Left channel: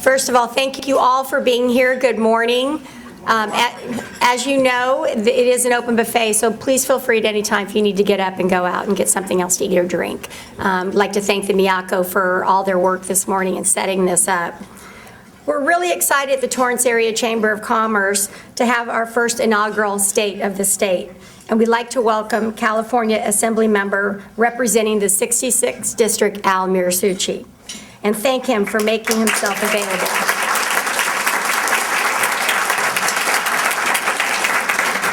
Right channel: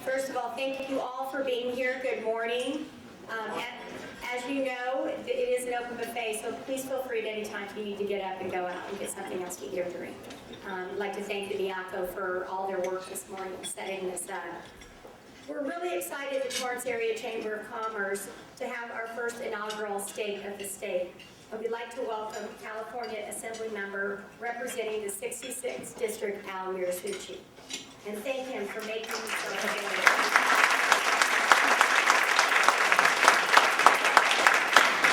First of all, thank you all for being here. Good morning. As you know, it is an open buffet, so please feel free at any time if you need to get up and go out and get something else to eat or drink. I'd like to thank the Miyako for all their work this morning in setting this up. We're really excited at the Torrance Area Chamber of Commerce to have our first inaugural State of the State. And we'd like to welcome California Assemblymember representing the 66th District, Al Muratsuchi, and thank him for making himself available.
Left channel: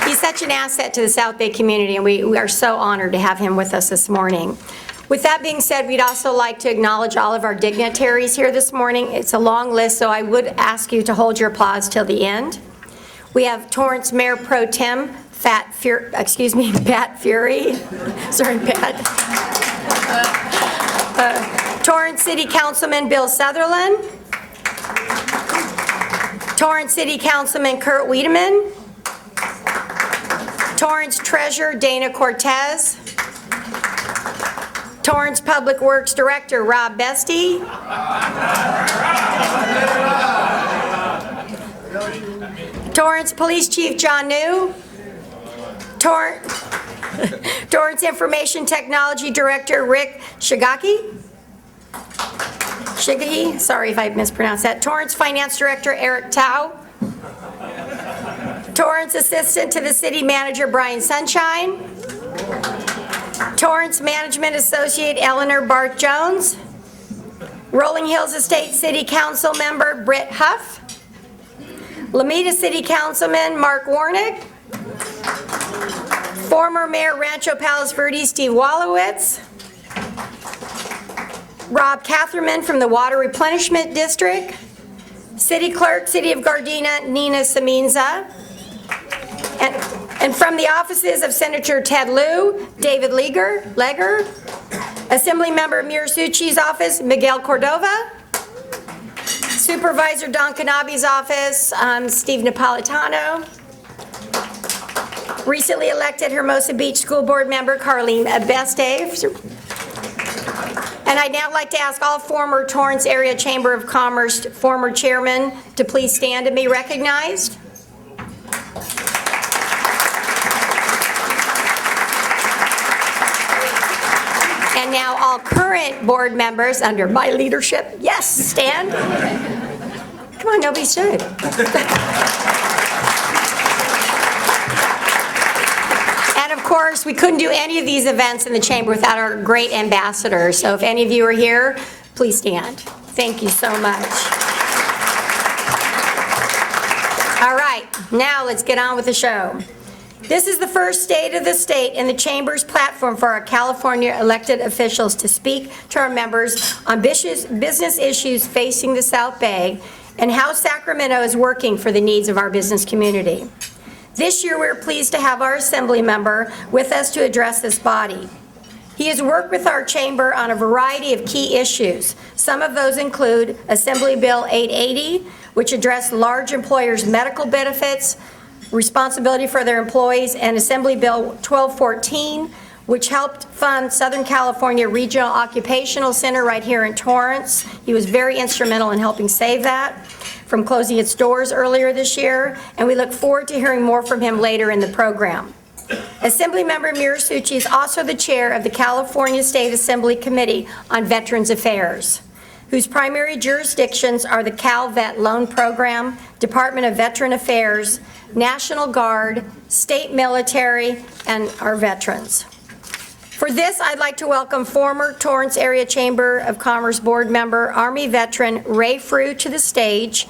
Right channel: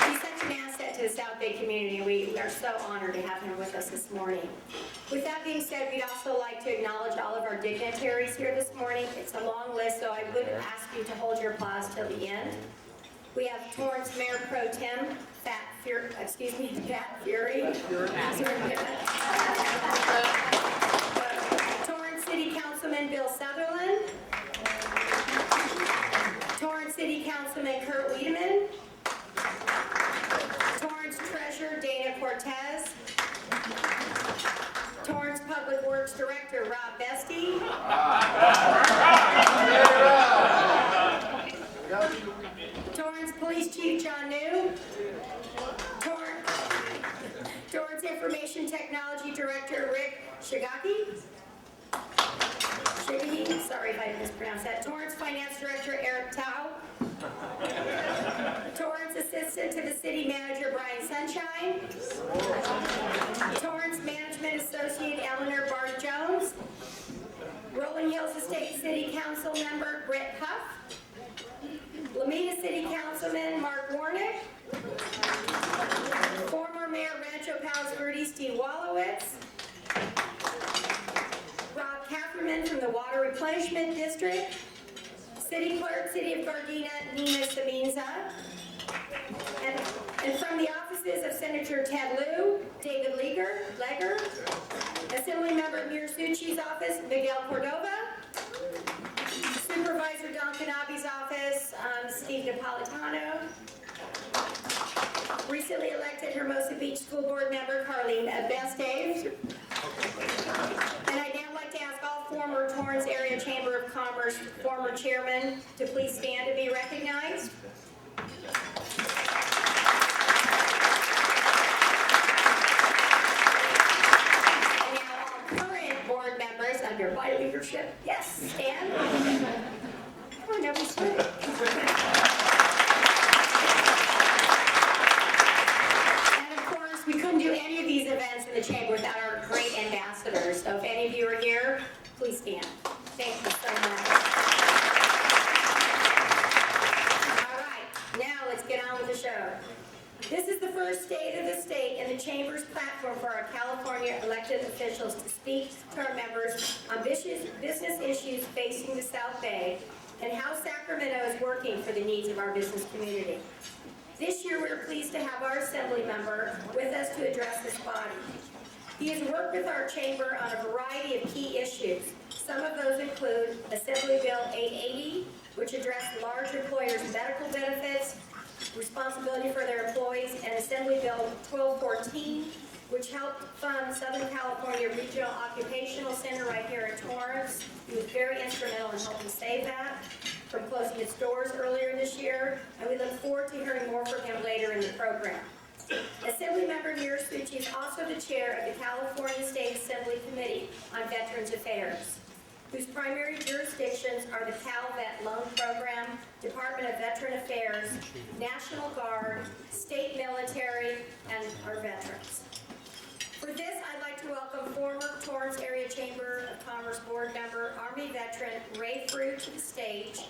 He's such an asset to the South Bay community, and we are so honored to have him with us this morning. With that being said, we'd also like to acknowledge all of our dignitaries here this morning. It's a long list, so I would ask you to hold your applause till the end. We have Torrance Mayor Pro Tem Pat Fury. Sorry, Pat. Torrance City Councilman Bill Sutherland. Torrance City Councilman Kurt Wiedemann. Torrance Treasurer Dana Cortez. Torrance Public Works Director Rob Bestie. Torrance Police Chief John New. Torrance Information Technology Director Rick Shigaki. Sorry if I mispronounced that. Torrance Finance Director Eric Tao. Torrance Assistant to the City Manager Brian Sunshine. Torrance Management Associate Eleanor Barth Jones. Rolling Hills Estate City Council Member Britt Huff. Lomita City Councilman Mark Warnick. Former Mayor Rancho Palos Verdes Steve Wallowitz. Rob Catherman from the Water Replenishment District. City Clerk, City of Gardena, Nina Saminza. And from the offices of Senator Ted Lieu, David Leger. Assemblymember Muratsuchi's office, Miguel Cordova. Supervisor Don Canabi's office, Steve Napolitano. Recently elected Hermosa Beach School Board member Carlene Beste. And I'd now like to ask all former Torrance Area Chamber of Commerce former chairmen to please stand and be recognized. And now all current board members under my leadership, yes, stand. Come on, don't be shy. Of course, we couldn't do any of these events in the chamber without our great ambassadors. So if any of you are here, please stand. Thank you so much. All right, now let's get on with the show. This is the first State of the State in the Chamber's platform for our California elected officials to speak to our members on business issues facing the South Bay and how Sacramento is working for the needs of our business community. This year, we're pleased to have our Assembly member with us to address this body. He has worked with our chamber on a variety of key issues. Some of those include Assembly Bill 880, which addressed large employers' medical benefits, responsibility for their employees, and Assembly Bill 1214, which helped fund Southern California Regional Occupational Center right here in Torrance. He was very instrumental in helping save that from closing its doors earlier this year, and we look forward to hearing more from him later in the program. Assemblymember Muratsuchi is also the chair of the California State Assembly Committee on Veterans Affairs, whose primary jurisdictions are the Cal Vet Loan Program, Department of Veteran Affairs, National Guard, state military, and our veterans. For this, I'd like to welcome former Torrance Area Chamber of Commerce board member, Army veteran Ray Frew to the stage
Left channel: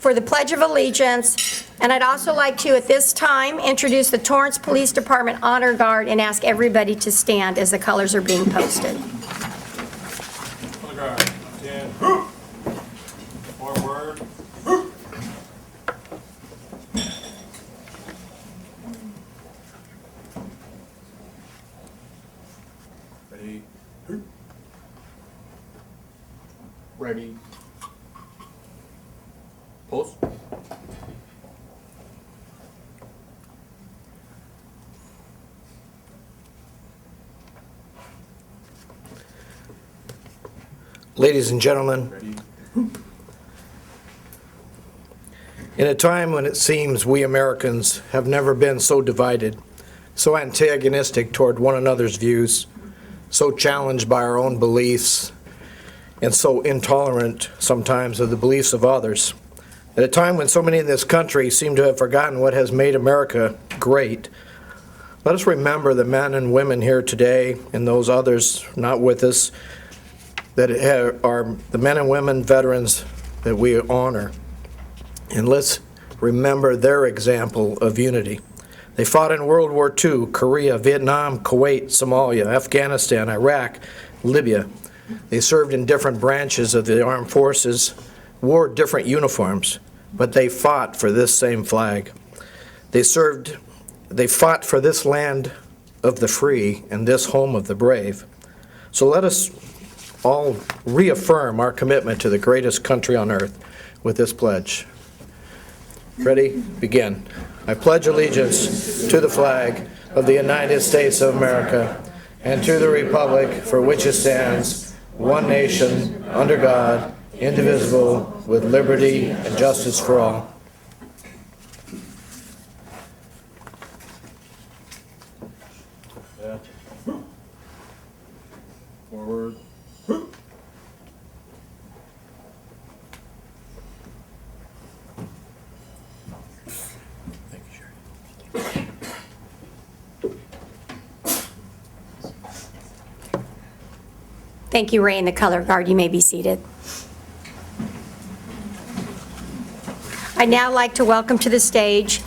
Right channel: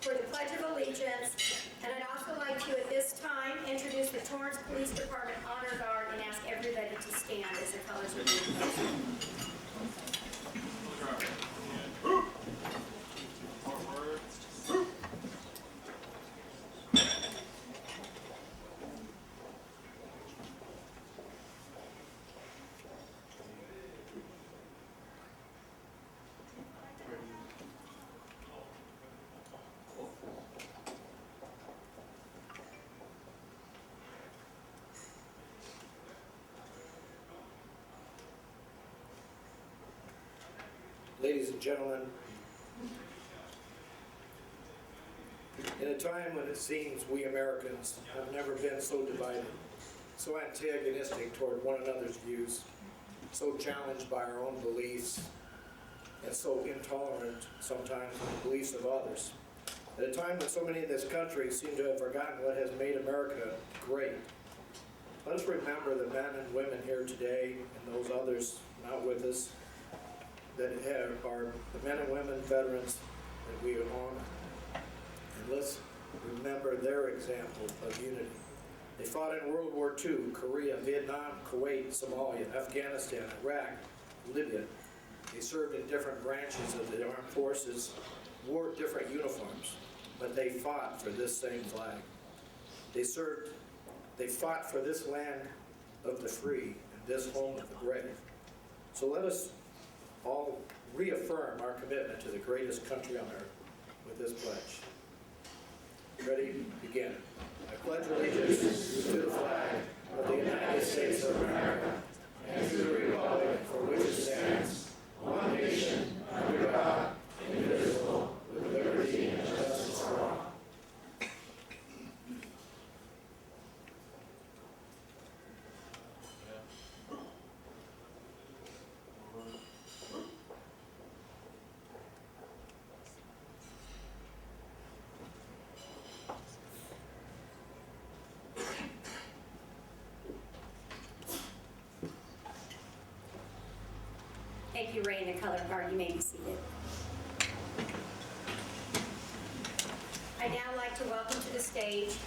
for the Pledge of Allegiance. And I'd also like to, at this time, introduce the Torrance Police Department Honor Guard and ask everybody to stand as the colors are being posted. Honor Guard, stand. Forward. Ready. Pulse. Ladies and gentlemen, In a time when it seems we Americans have never been so divided, so antagonistic toward one another's views, so challenged by our own beliefs, and so intolerant sometimes of the beliefs of others, at a time when so many in this country seem to have forgotten what has made America great, let us remember the men and women here today and those others not with us that are the men and women veterans that we honor. And let's remember their example of unity. They fought in World War II, Korea, Vietnam, Kuwait, Somalia, Afghanistan, Iraq, Libya. They served in different branches of the armed forces, wore different uniforms, but they fought for this same flag. They fought for this land of the free and this home of the brave. So let us all reaffirm our commitment to the greatest country on earth with this pledge. Ready? Begin. I pledge allegiance to the flag of the United States of America and to the republic for which it stands, one nation, under God, indivisible, with liberty and justice for all. Forward. Thank you, Ray, and the color guard. You may be seated. I'd now like to welcome to the stage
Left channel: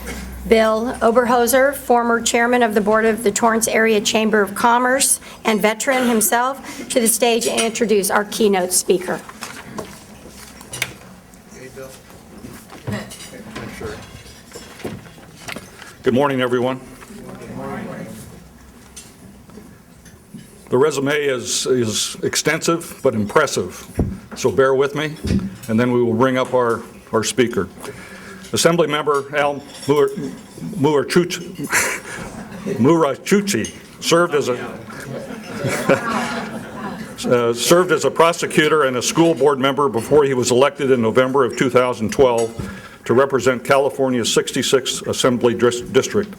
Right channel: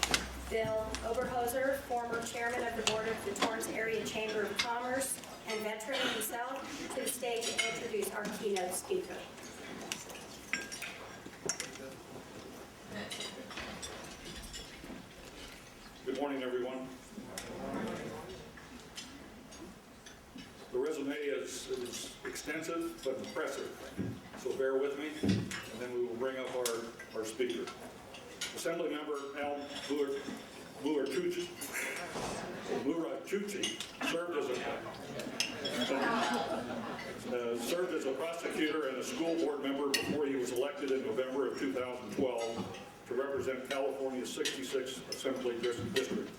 Bill Oberhoser, former chairman of the board of the Torrance Area Chamber of Commerce and veteran himself, to the stage and introduce our keynote speaker. Good morning, everyone. The resume is extensive but impressive, so bear with me, and then we will bring up our speaker. Assemblymember Al Muratsuchi served as a prosecutor and a school board member before he was elected in November of 2012 to represent California's 66th Assembly District,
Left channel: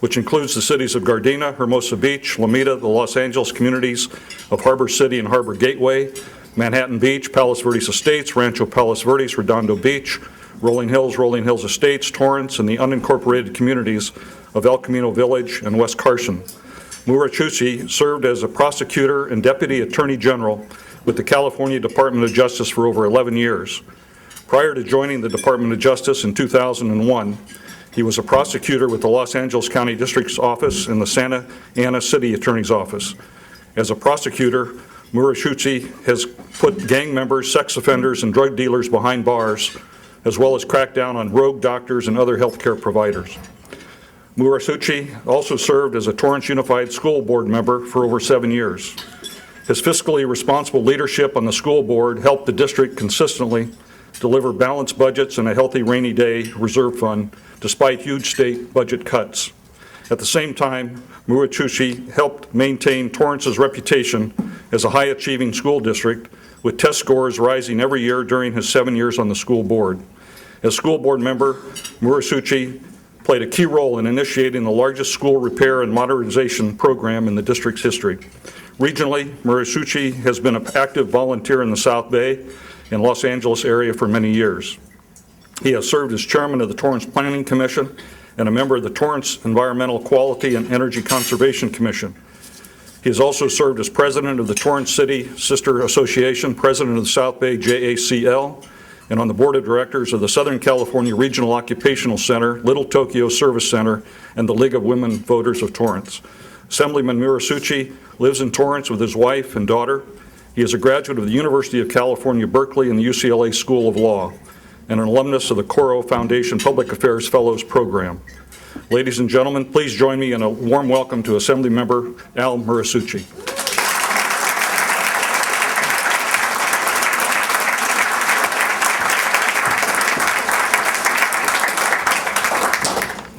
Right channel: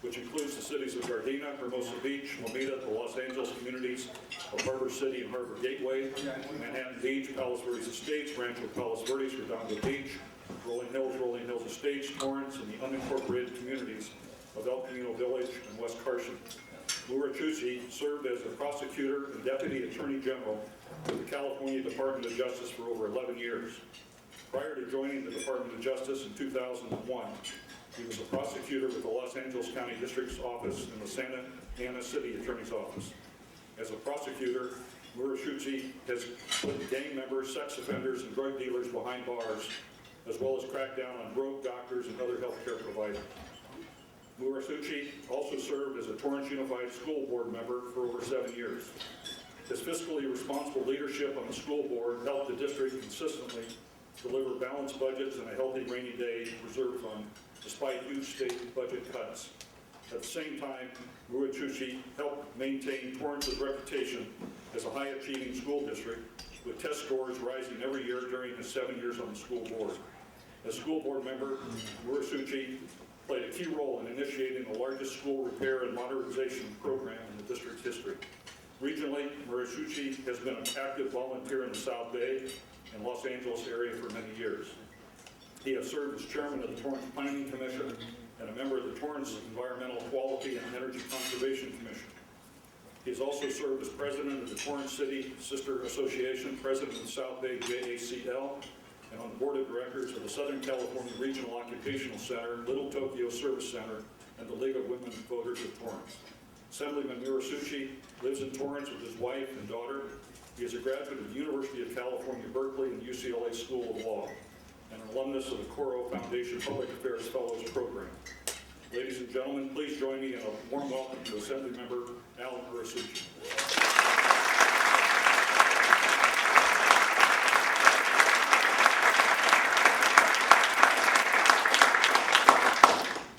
which includes the cities of Gardena, Hermosa Beach, Lomita, the Los Angeles communities of Harbor City and Harbor Gateway, Manhattan Beach, Palos Verdes Estates, Rancho Palos Verdes, Redondo Beach, Rolling Hills Estates, Torrance, and the unincorporated communities of El Camino Village and West Carson. Muratsuchi served as a prosecutor and deputy attorney general with the California Department of Justice for over 11 years. Prior to joining the Department of Justice in 2001, he was a prosecutor with the Los Angeles County District's Office and the Santa Ana City Attorney's Office. As a prosecutor, Muratsuchi has put gang members, sex offenders, and drug dealers behind bars, as well as cracked down on rogue doctors and other healthcare providers. Muratsuchi also served as a Torrance Unified School Board member for over 7 years. His fiscally responsible leadership on the school board helped the district consistently deliver balanced budgets and a healthy rainy day reserve fund despite huge state budget cuts. At the same time, Muratsuchi helped maintain Torrance's reputation as a high-achieving school district, with test scores rising every year during his 7 years on the school board. As school board member, Muratsuchi played a key role in initiating the largest school repair and modernization program in the district's history. Regionally, Muratsuchi has been an active volunteer in the South Bay and Los Angeles area for many years. He has served as chairman of the Torrance Planning Commission and a member of the Torrance Environmental Quality and Energy Conservation Commission. He has also served as president of the Torrance City Sister Association, president of the South Bay JACL, and on the board of directors of the Southern California Regional Occupational Center, Little Tokyo Service Center, and the League of Women Voters of Torrance. Assemblyman Muratsuchi lives in Torrance with his wife and daughter. He is a graduate of the University of California, Berkeley, and the UCLA School of Law, and an alumnus of the Coro Foundation Public Affairs Fellows Program. Ladies and gentlemen, please join me in a warm welcome to Assemblymember Al Muratsuchi.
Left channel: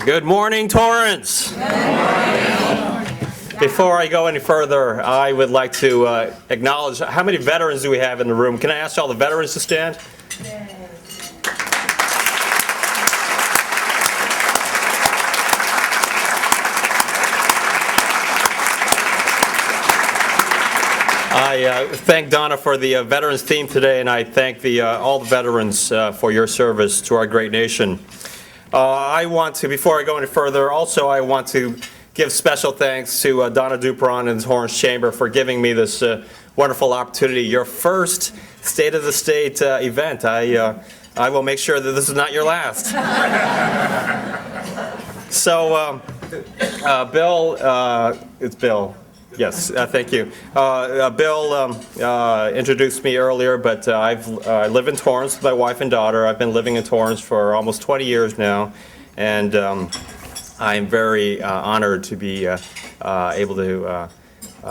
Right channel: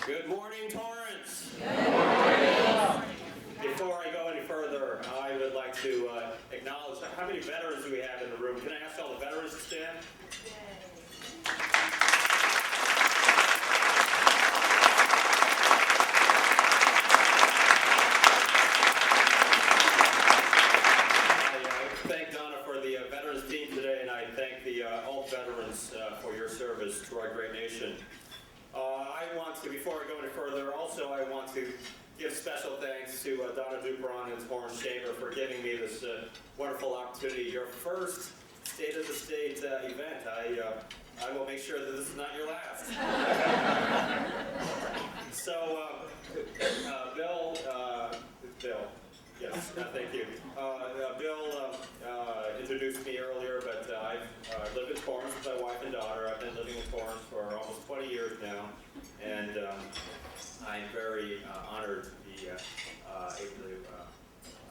Good morning, Torrance. Good morning. Before I go any further, I would like to acknowledge, how many veterans do we have in the room? Can I ask all the veterans to stand? Yes. I thank Donna for the veterans theme today, and I thank all the veterans for your service to our great nation. I want to, before I go any further, also I want to give special thanks to Donna Dupron and the Torrance Chamber for giving me this wonderful opportunity. Your first State of the State event. I will make sure that this is not your last. So, Bill, it's Bill. Yes, thank you. Bill introduced me earlier, but I live in Torrance with my wife and daughter. I've been living in Torrance for almost 20 years now, and I'm very honored to be able to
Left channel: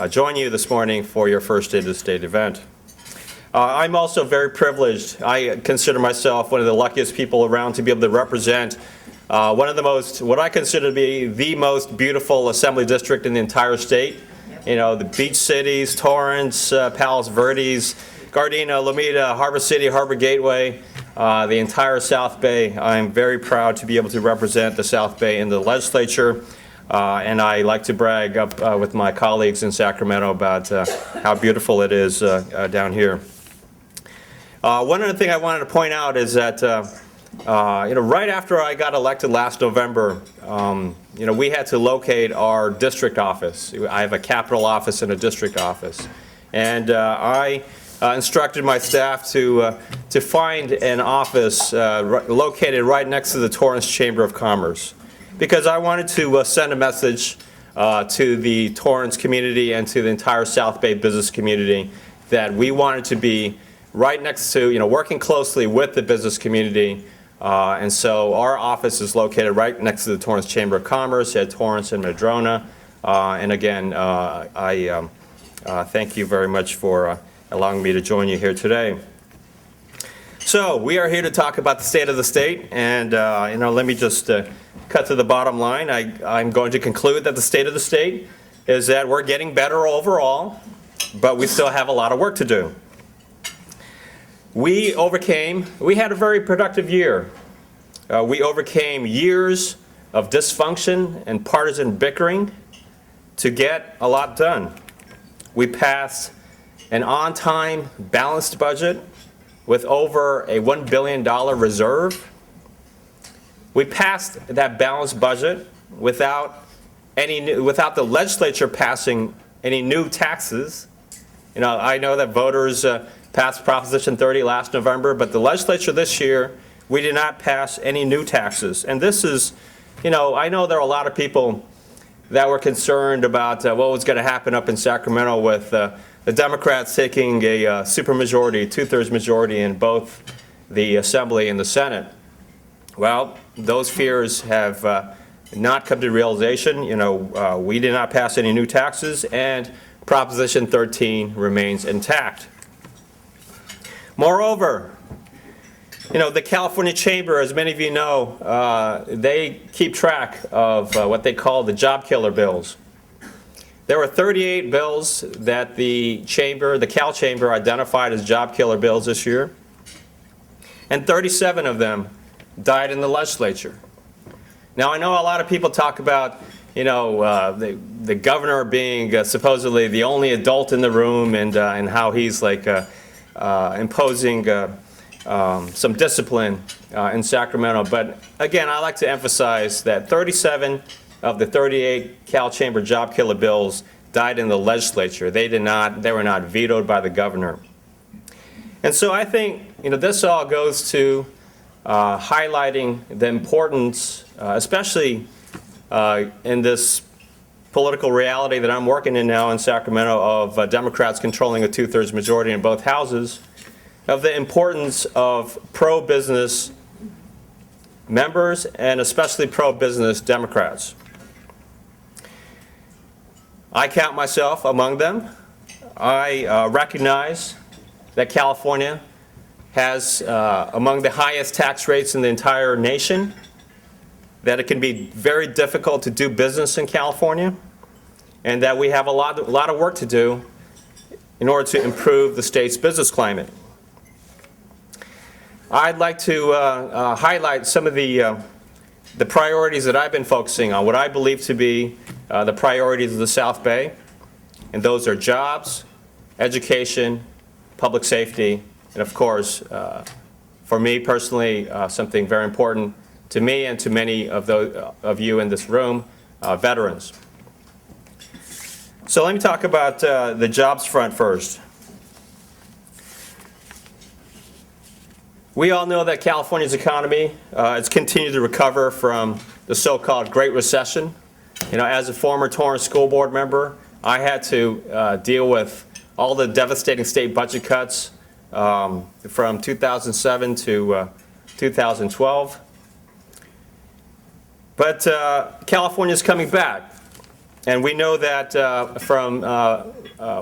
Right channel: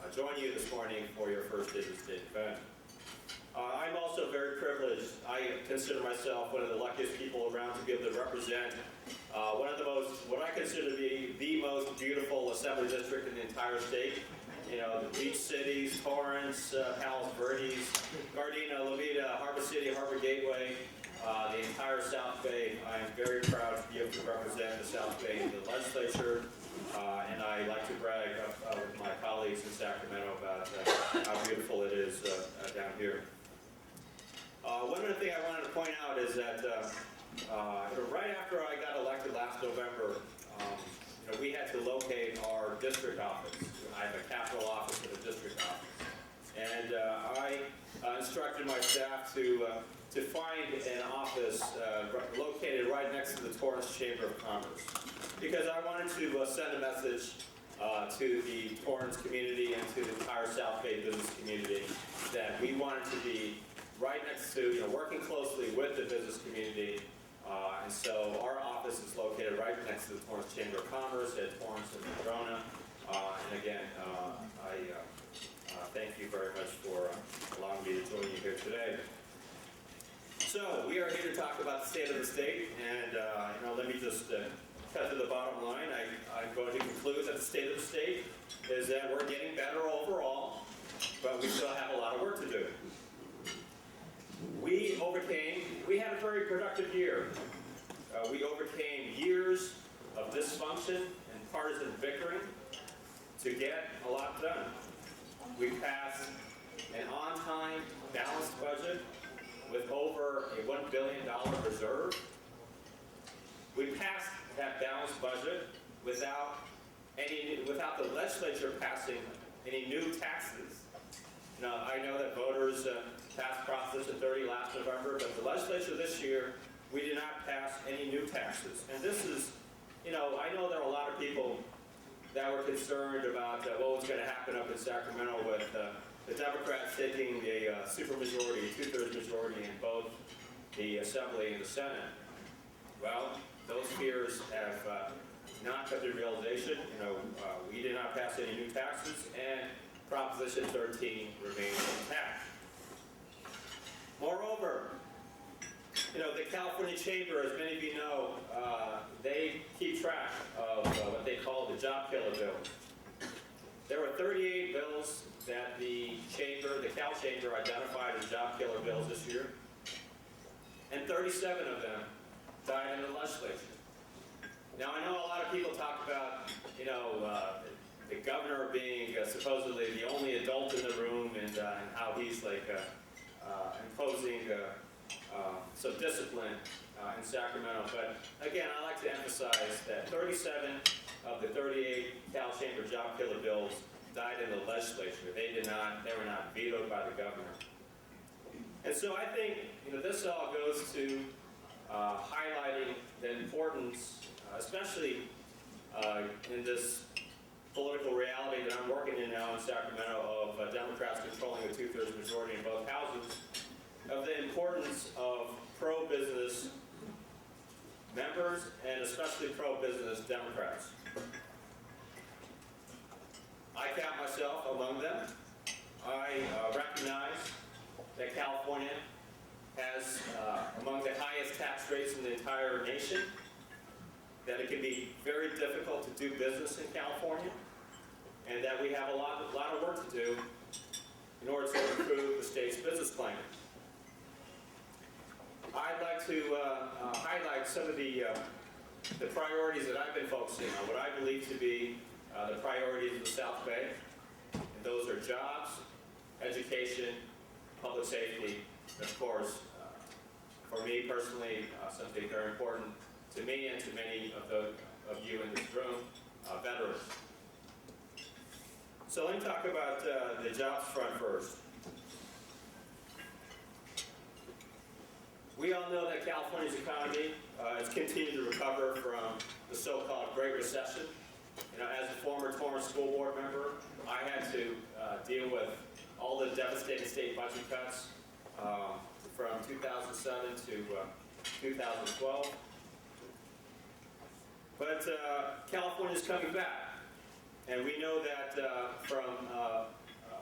join you this morning for your first State of the State event. I'm also very privileged. I consider myself one of the luckiest people around to be able to represent one of the most, what I consider to be the most beautiful assembly district in the entire state. You know, the beach cities, Torrance, Palos Verdes, Gardena, Lomita, Harbor City, Harbor Gateway, the entire South Bay. I'm very proud to be able to represent the South Bay in the legislature. And I like to brag up with my colleagues in Sacramento about how beautiful it is down here. One other thing I wanted to point out is that right after I got elected last November, we had to locate our district office. I have a capital office and a district office. And I instructed my staff to find an office located right next to the Torrance Chamber of Commerce, because I wanted to send a message to the Torrance community and to the entire South Bay business community that we wanted to be right next to, working closely with the business community. And so our office is located right next to the Torrance Chamber of Commerce at Torrance and Madrona. And again, I thank you very much for allowing me to join you here today. So we are here to talk about the state of the state. And let me just cut to the bottom line. I'm going to conclude that the state of the state is that we're getting better overall, but we still have a lot of work to do. We had a very productive year. We overcame years of dysfunction and partisan bickering to get a lot done. We passed an on-time, balanced budget with over a $1 billion reserve. We passed that balanced budget without the legislature passing any new taxes. I know that voters passed Proposition 30 last November, but the legislature this year, we did not pass any new taxes. And this is, I know there are a lot of people that were concerned about what was going to happen up in Sacramento with the Democrats taking a supermajority, two-thirds majority in both the Assembly and the Senate. Well, those fears have not come to realization. We did not pass any new taxes, and Proposition 13 remains intact. Moreover, the California Chamber, as many of you know, they keep track of what they call the job killer bills. There were 38 bills that the Cal Chamber identified as job killer bills this year, and 37 of them died in the legislature. Now, I know a lot of people talk about, the governor being supposedly the only adult in the room, and how he's like imposing some discipline in Sacramento. But again, I like to emphasize that 37 of the 38 Cal Chamber job killer bills died in the legislature. They were not vetoed by the governor. And so I think, this all goes to highlighting the importance, especially in this political reality that I'm working in now in Sacramento, of Democrats controlling a two-thirds majority in both houses, of the importance of pro-business members and especially pro-business Democrats. I count myself among them. I recognize that California has among the highest tax rates in the entire nation, that it can be very difficult to do business in California, and that we have a lot of work to do in order to improve the state's business climate. I'd like to highlight some of the priorities that I've been focusing on, what I believe to be the priorities of the South Bay, and those are jobs, education, public safety, and of course, for me personally, something very important to me and to many of those of you in this room, veterans. So let me talk about the jobs front first. We all know that California's economy has continued to recover from the so-called Great Recession. You know, as a former Torrance school board member, I had to deal with all the devastating state budget cuts from 2007 to 2012. But California's coming back, and we know that from a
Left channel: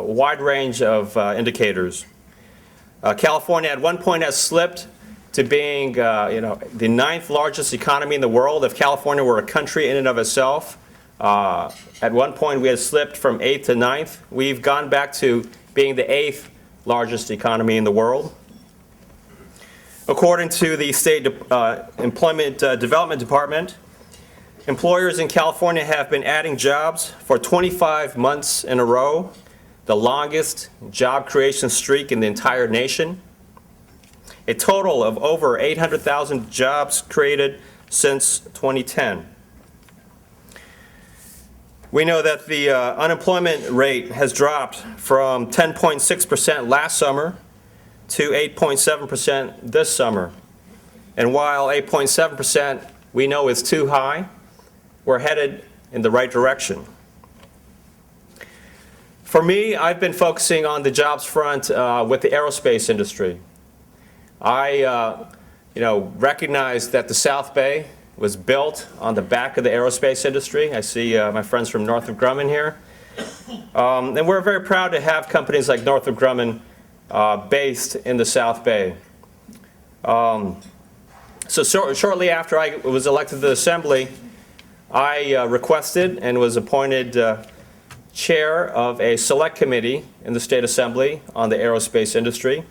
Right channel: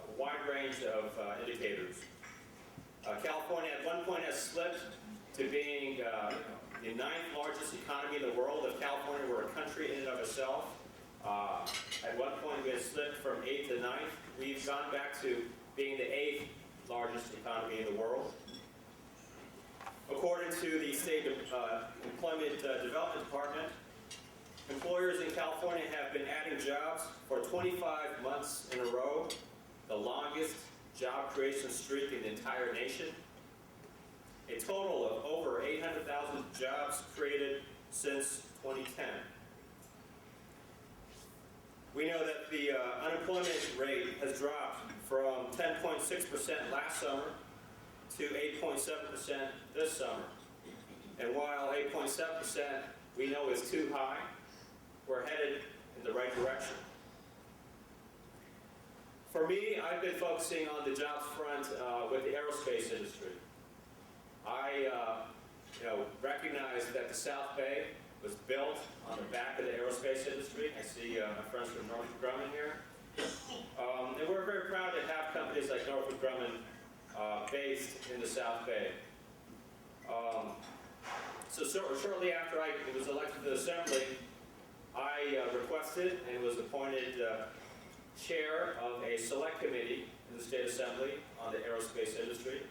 wide range of indicators. California at one point has slipped to being the 9th largest economy in the world. If California were a country in and of itself, at one point we had slipped from 8th to 9th. We've gone back to being the 8th largest economy in the world. According to the State Employment Development Department, employers in California have been adding jobs for 25 months in a row, the longest job creation streak in the entire nation. A total of over 800,000 jobs created since 2010. We know that the unemployment rate has dropped from 10.6% last summer to 8.7% this summer. And while 8.7% we know is too high, we're headed in the right direction. For me, I've been focusing on the jobs front with the aerospace industry. I recognize that the South Bay was built on the back of the aerospace industry. I see my friends from Northrop Grumman here. And we're very proud to have companies like Northrop Grumman based in the South Bay. So shortly after I was elected to the Assembly, I requested and was appointed chair of a select committee in the State Assembly on the aerospace industry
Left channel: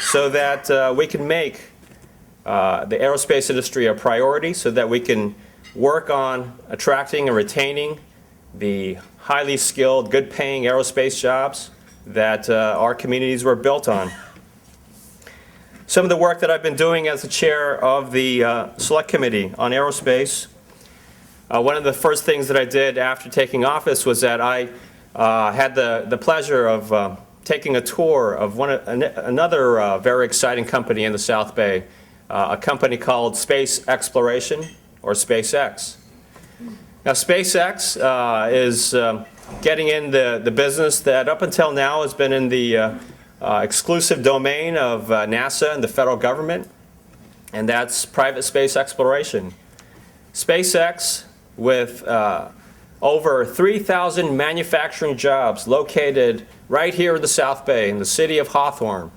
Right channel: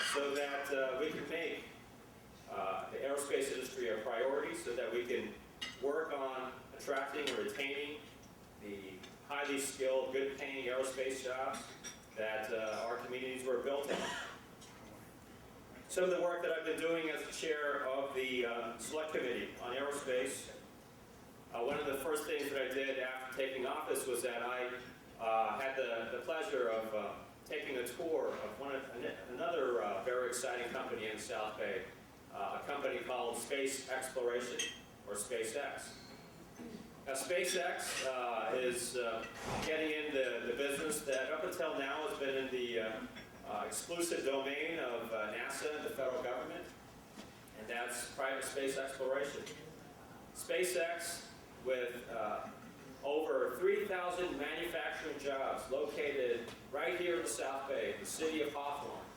so that we can make the aerospace industry a priority, so that we can work on attracting and retaining the highly skilled, good-paying aerospace jobs that our communities were built on. Some of the work that I've been doing as the chair of the Select Committee on Aerospace, one of the first things that I did after taking office was that I had the pleasure of taking a tour of another very exciting company in the South Bay, a company called Space Exploration, or SpaceX. Now, SpaceX is getting in the business that up until now has been in the exclusive domain of NASA and the federal government, and that's private space exploration. SpaceX, with over 3,000 manufacturing jobs located right here in the South Bay, in the city of Hawthorne,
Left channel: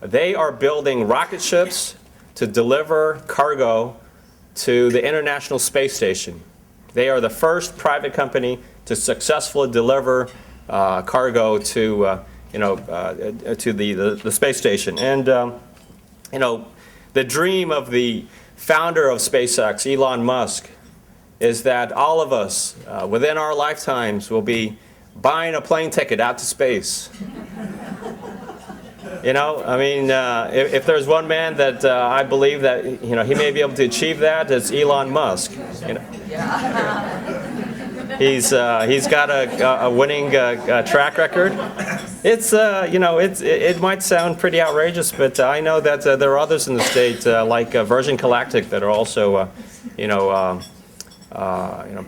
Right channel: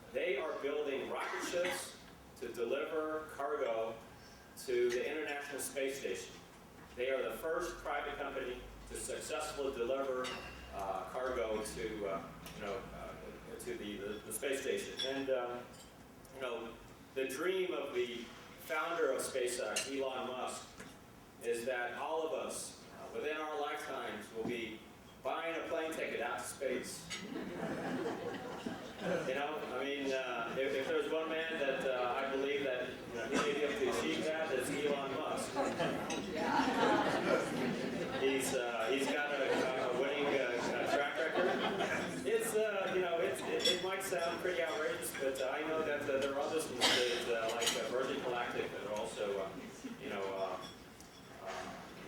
they are building rocket ships to deliver cargo to the International Space Station. They are the first private company to successfully deliver cargo to the space station. And the dream of the founder of SpaceX, Elon Musk, is that all of us within our lifetimes will be buying a plane ticket out to space. If there's one man that I believe that he may be able to achieve that, it's Elon Musk. He's got a winning track record. It might sound pretty outrageous, but I know that there are others in the state like Virgin Galactic that are also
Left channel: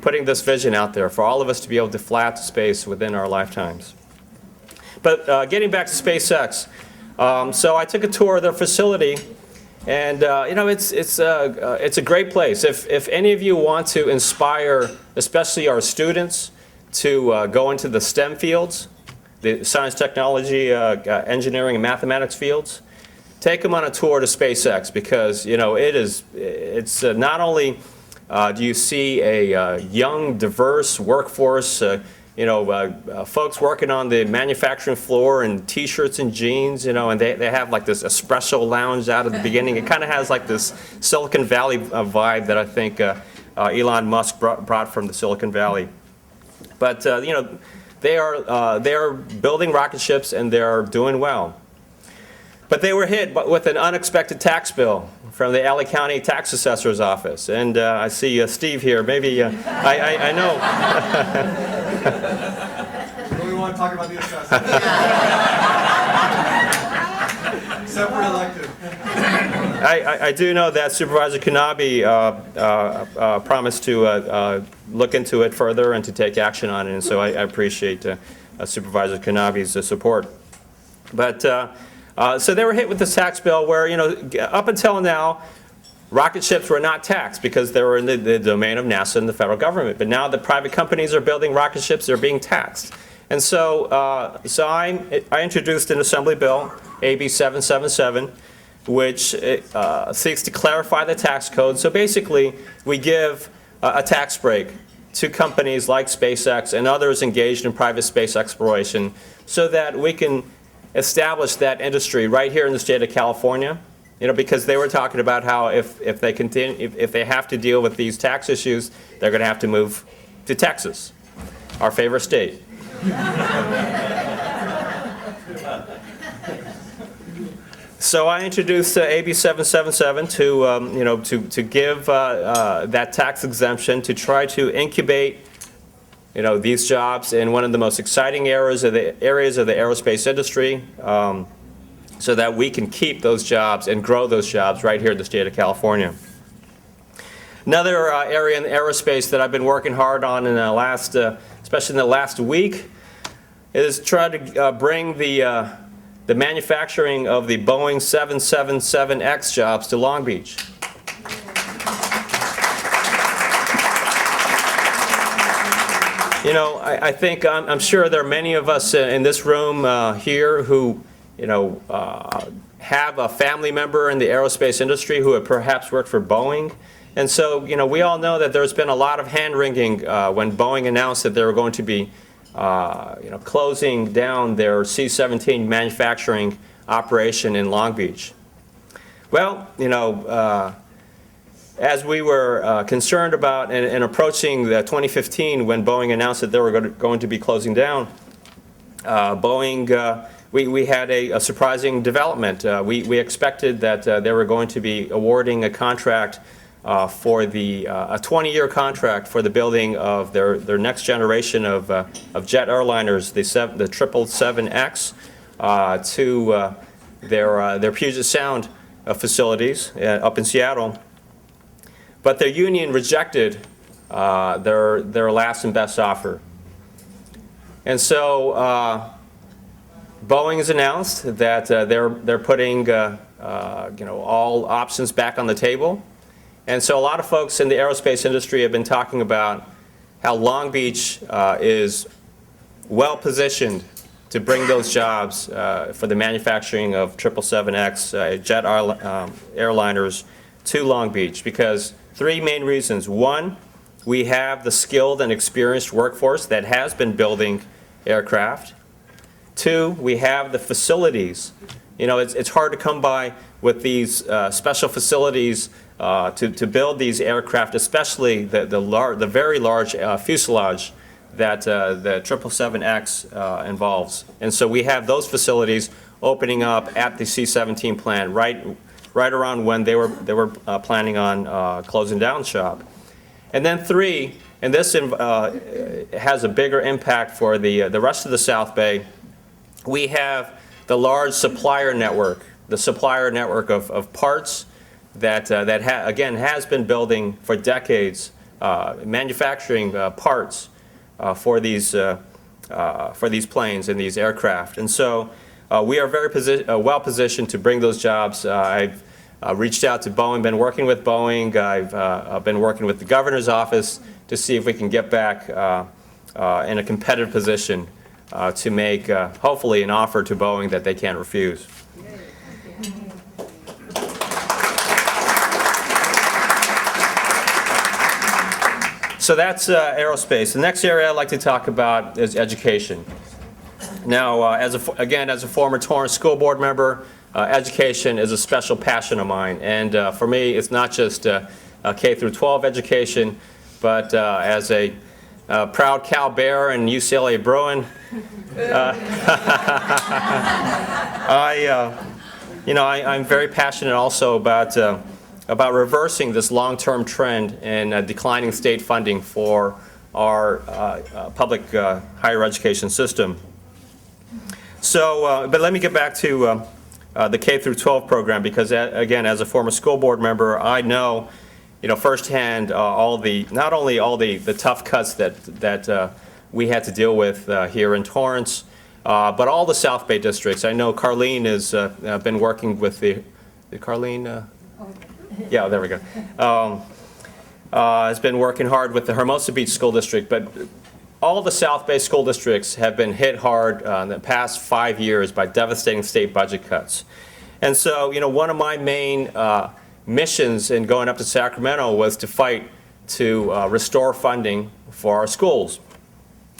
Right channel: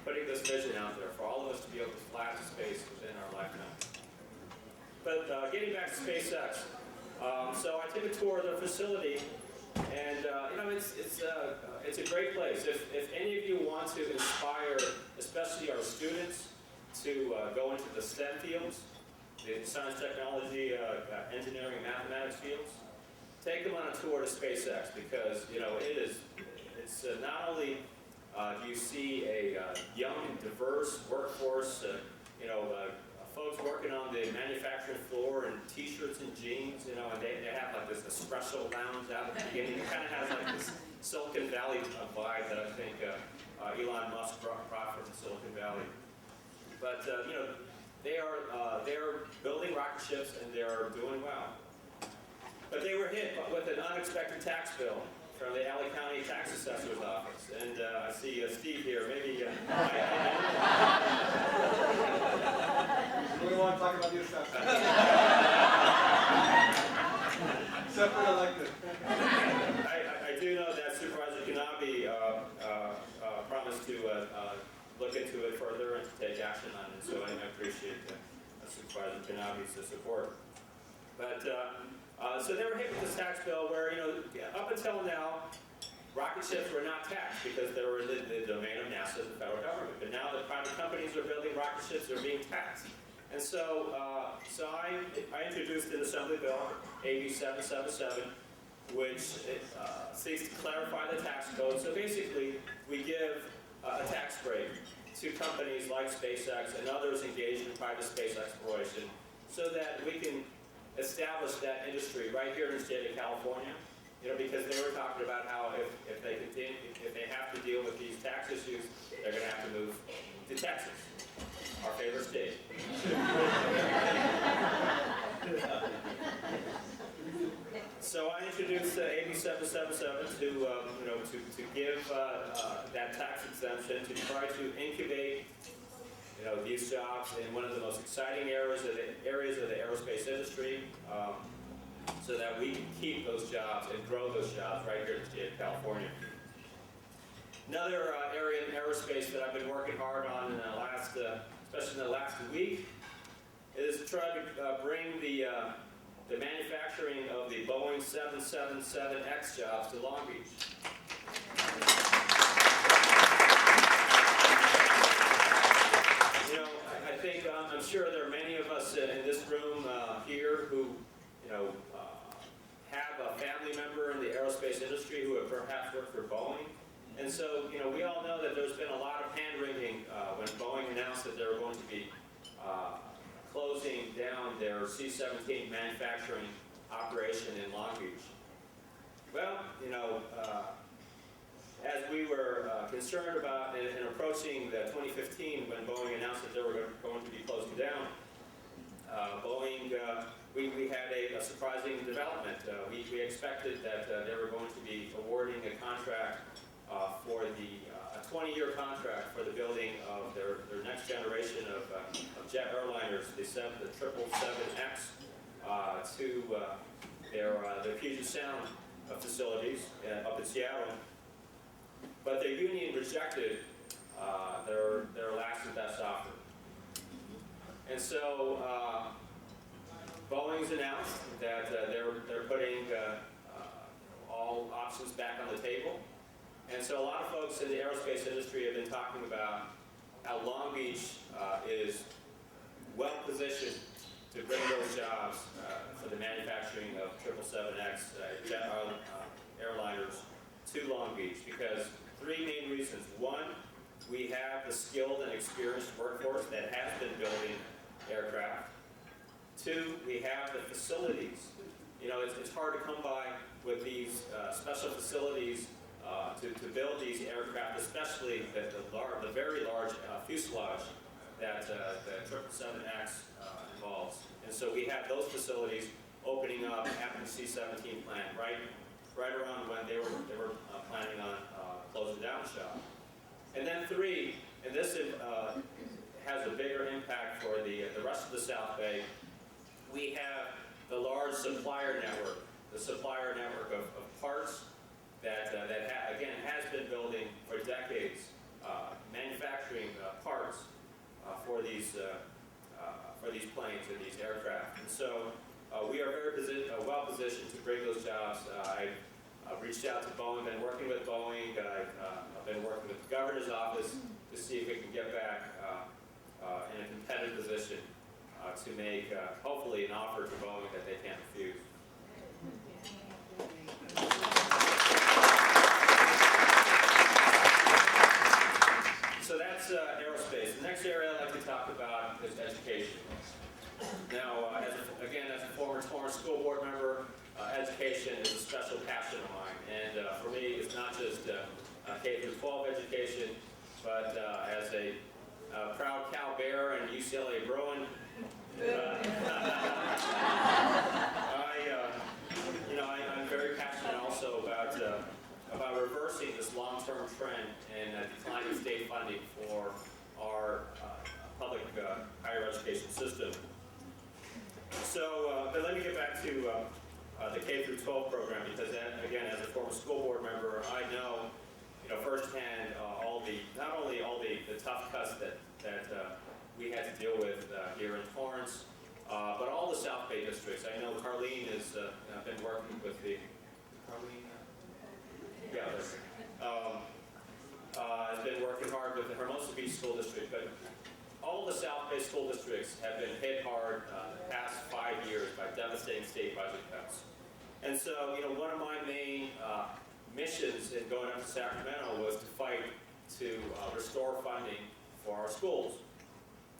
putting this vision out there for all of us to be able to fly out to space within our lifetimes. But getting back to SpaceX, so I took a tour of their facility, and it's a great place. If any of you want to inspire, especially our students, to go into the STEM fields, the science, technology, engineering, and mathematics fields, take them on a tour to SpaceX, because it's not only do you see a young, diverse workforce, folks working on the manufacturing floor in T-shirts and jeans, and they have like this espresso lounge out at the beginning. It kind of has like this Silicon Valley vibe that I think Elon Musk brought from the Silicon Valley. But They are building rocket ships, and they're doing well. But they were hit with an unexpected tax bill from the LA County Tax Assessor's Office. And I see Steve here. Maybe, I know. We want to talk about the assessment. Separate elective. I do know that Supervisor Kanabe promised to look into it further and to take action on it, and so I appreciate Supervisor Kanabe's support. But so they were hit with this tax bill where, up until now, rocket ships were not taxed because they were in the domain of NASA and the federal government. But now that private companies are building rocket ships, they're being taxed. And so, I introduced an Assembly bill, AB 777, which seeks to clarify the tax code. So basically, we give a tax break to companies like SpaceX and others engaged in private space exploration so that we can establish that industry right here in the state of California. Because they were talking about how if they have to deal with these tax issues, they're going to have to move to Texas, our favorite state. So I introduced AB 777 to give that tax exemption to try to incubate these jobs in one of the most exciting areas of the aerospace industry, so that we can keep those jobs and grow those jobs right here in the state of California. Another area in aerospace that I've been working hard on in the last, especially in the last week, is trying to bring the manufacturing of the Boeing 777X jobs to Long Beach. I think, I'm sure there are many of us in this room here who have a family member in the aerospace industry who have perhaps worked for Boeing. And so, we all know that there's been a lot of hand-wringing when Boeing announced that they were going to be, closing down their C-17 manufacturing operation in Long Beach. Well, as we were concerned about and approaching the 2015 when Boeing announced that they were going to be closing down, Boeing, we had a surprising development. We expected that they were going to be awarding a contract for a 20-year contract for the building of their next generation of jet airliners, the 777X, to their Puget Sound facilities up in Seattle. But their union rejected their last and best offer. And so Boeing has announced that they're putting all options back on the table. And so a lot of folks in the aerospace industry have been talking about how Long Beach is well positioned to bring those jobs for the manufacturing of 777X jet airliners to Long Beach, because three main reasons. One, we have the skilled and experienced workforce that has been building aircraft. Two, we have the facilities. It's hard to come by with these special facilities to build these aircraft, especially the very large fuselage that the 777X involves. And so we have those facilities opening up at the C-17 plant right around when they were planning on closing down shop. And then three, and this has a bigger impact for the rest of the South Bay, we have the large supplier network, of parts that again has been building for decades, manufacturing parts for these planes and these aircraft. And so we are very well positioned to bring those jobs. I've reached out to Boeing, been working with Boeing. I've been working with the governor's office to see if we can get back in a competitive position to make, hopefully, an offer to Boeing that they can't refuse. So that's aerospace. The next area I'd like to talk about is education. Now, as a former Torrance school board member, education is a special passion of mine. And for me, it's not just K through 12 education, but as a proud Cal Bear and UCLA Bruin. I'm very passionate also about reversing this long-term trend in declining state funding for our public higher education system. So, but let me get back to the K through 12 program, because again, as a former school board member, I know, firsthand not only all the tough cuts that we had to deal with here in Torrance, but all the South Bay districts. I know Carlene has been working with Carlene? Yeah, there we go. Has been working hard with the Hermosa Beach School District, but all the South Bay school districts have been hit hard in the past 5 years by devastating state budget cuts. And so, one of my main missions in going up to Sacramento was to fight to restore funding for our schools.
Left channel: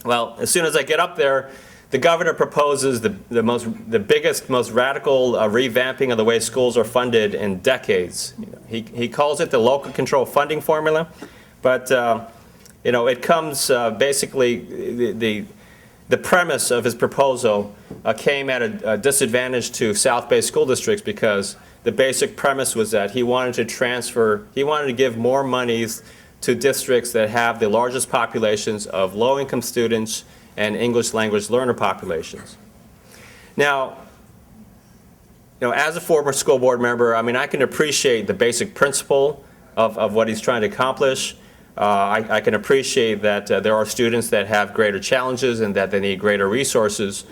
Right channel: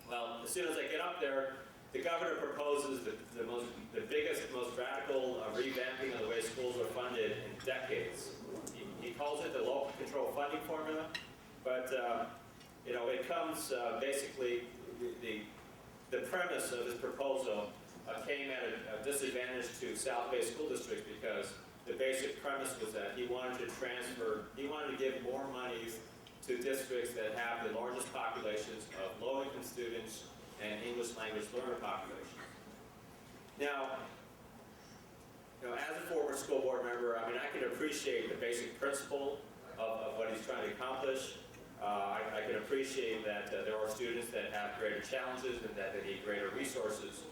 Well, as soon as I get up there, the governor proposes the biggest, most radical revamping of the way schools are funded in decades. He calls it the local control funding formula, but it comes basically the premise of his proposal came at a disadvantage to South Bay school districts, because the basic premise was that he wanted to give more monies to districts that have the largest populations of low-income students and English language learner populations. Now, as a former school board member, I can appreciate the basic principle of what he's trying to accomplish. I can appreciate that there are students that have greater challenges and that they need greater resources.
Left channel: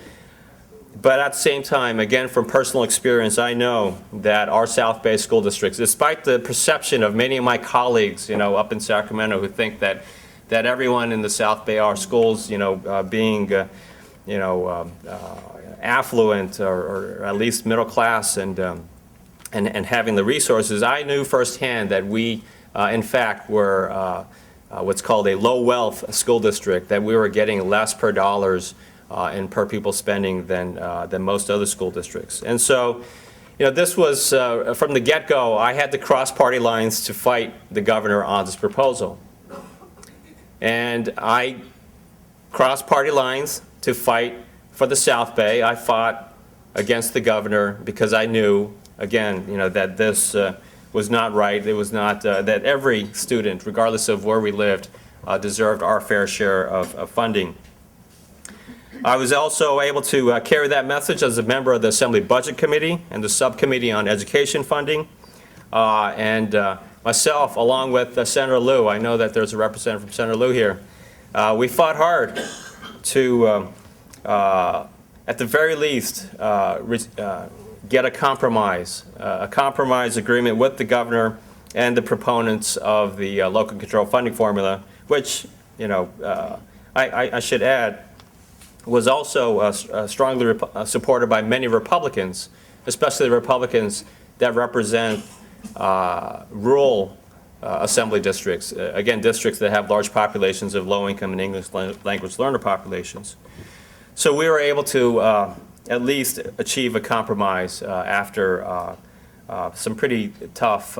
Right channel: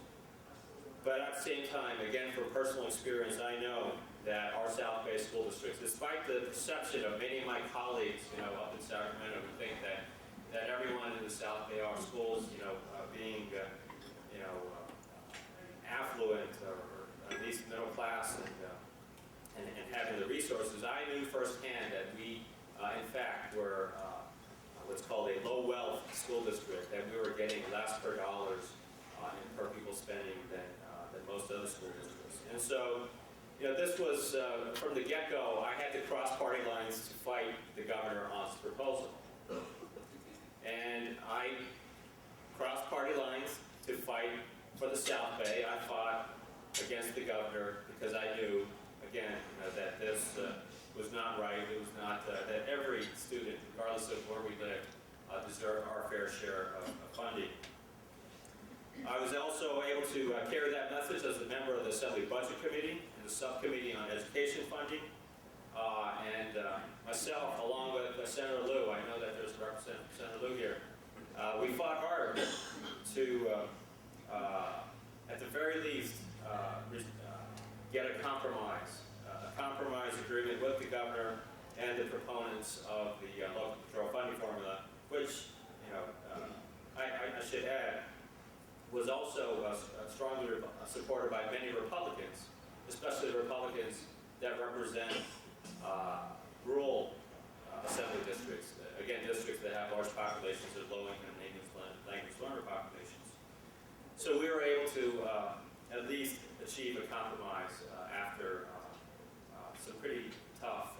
But at the same time, again, from personal experience, I know that our South Bay school districts, despite the perception of many of my colleagues, up in Sacramento, who think that everyone in the South Bay, our schools, being, affluent or at least middle class and having the resources, I knew firsthand that we, in fact, were what's called a low wealth school district, that we were getting less per dollars in per pupil spending than most other school districts. And so, this was, from the get-go, I had to cross party lines to fight the governor on this proposal. And I crossed party lines to fight for the South Bay. I fought against the governor because I knew, again, that this was not right. It was not that every student, regardless of where we lived, deserved our fair share of funding. I was also able to carry that message as a member of the Assembly Budget Committee and the Subcommittee on Education Funding. Myself, along with Senator Liu, I know that there's a representative from Senator Liu here, we fought hard to, at the very least, get a compromise agreement with the governor and the proponents of the local control funding formula, which, I should add, was also strongly supported by many Republicans, especially the Republicans that represent rural assembly districts, again, districts that have large populations of low-income and English language learner populations. So we were able to at least achieve a compromise after some pretty tough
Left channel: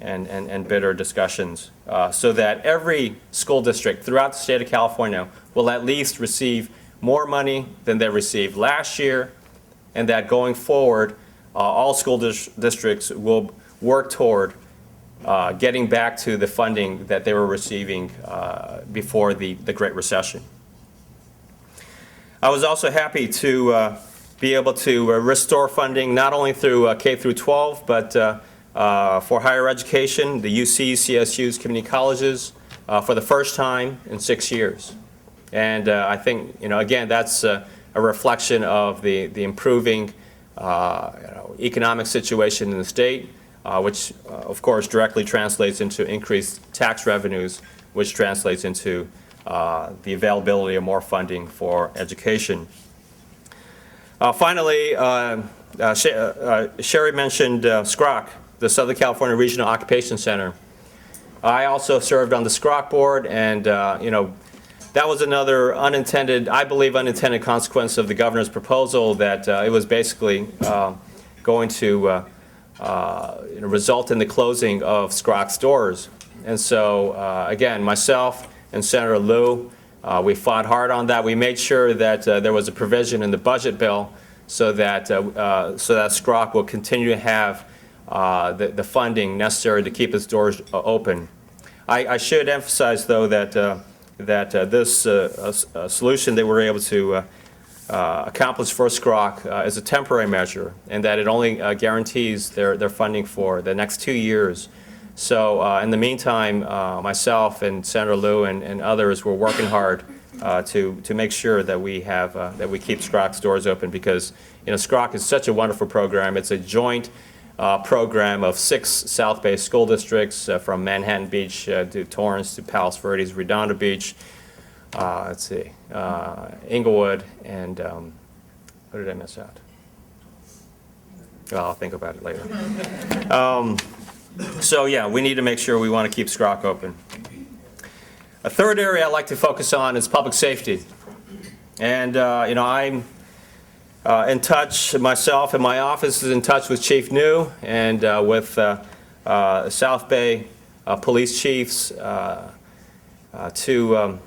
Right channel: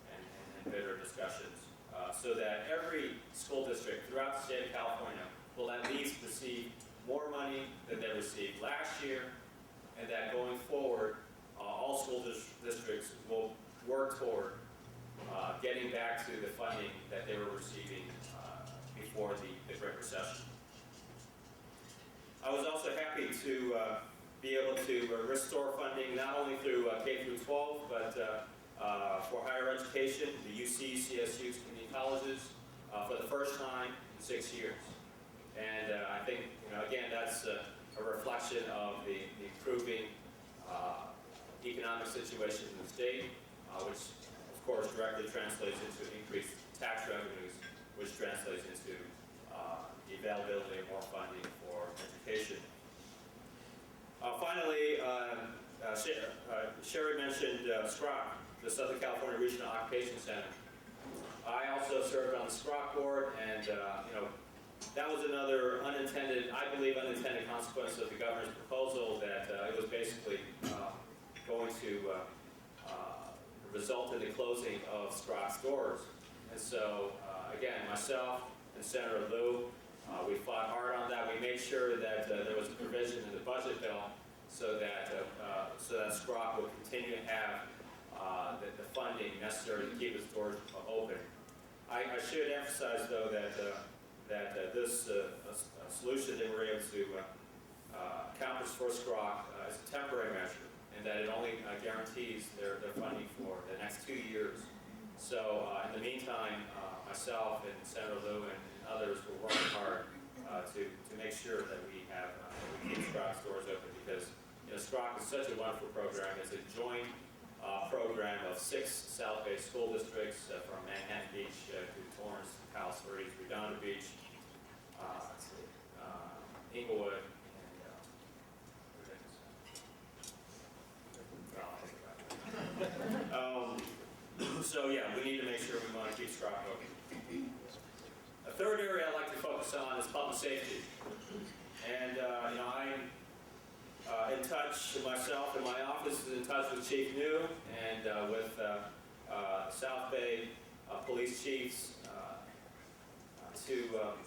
and bitter discussions, so that every school district throughout the state of California will at least receive more money than they received last year, and that going forward, all school districts will work toward getting back to the funding that they were receiving before the Great Recession. I was also happy to be able to restore funding not only through K through 12, but for higher education, the UCs, CSUs, community colleges, for the first time in 6 years. And I think, again, that's a reflection of the improving economic situation in the state, which, of course, directly translates into increased tax revenues, which translates into the availability of more funding for education. Finally, Sherry mentioned SCROC, the Southern California Regional Occupation Center. I also served on the SCROC board, and that was another unintended, I believe, unintended consequence of the governor's proposal, that it was basically going to result in the closing of SCROC's doors. And so, again, myself and Senator Liu We fought hard on that. We made sure that there was a provision in the budget bill so that SCROC will continue to have the funding necessary to keep its doors open. I should emphasize, though, that this solution that we're able to accomplish for SCROC is a temporary measure, and that it only guarantees their funding for the next 2 years. So in the meantime, myself and Senator Liu and others were working hard to make sure that we keep SCROC's doors open, because SCROC is such a wonderful program. It's a joint program of 6 South Bay school districts, from Manhattan Beach to Torrance to Palos Verdes, Redondo Beach, Inglewood, and what did I miss out? Well, I'll think about it later. So yeah, we need to make sure we want to keep SCROC open. A third area I'd like to focus on is public safety. And I'm in touch, myself and my office is in touch with Chief New and with South Bay police chiefs to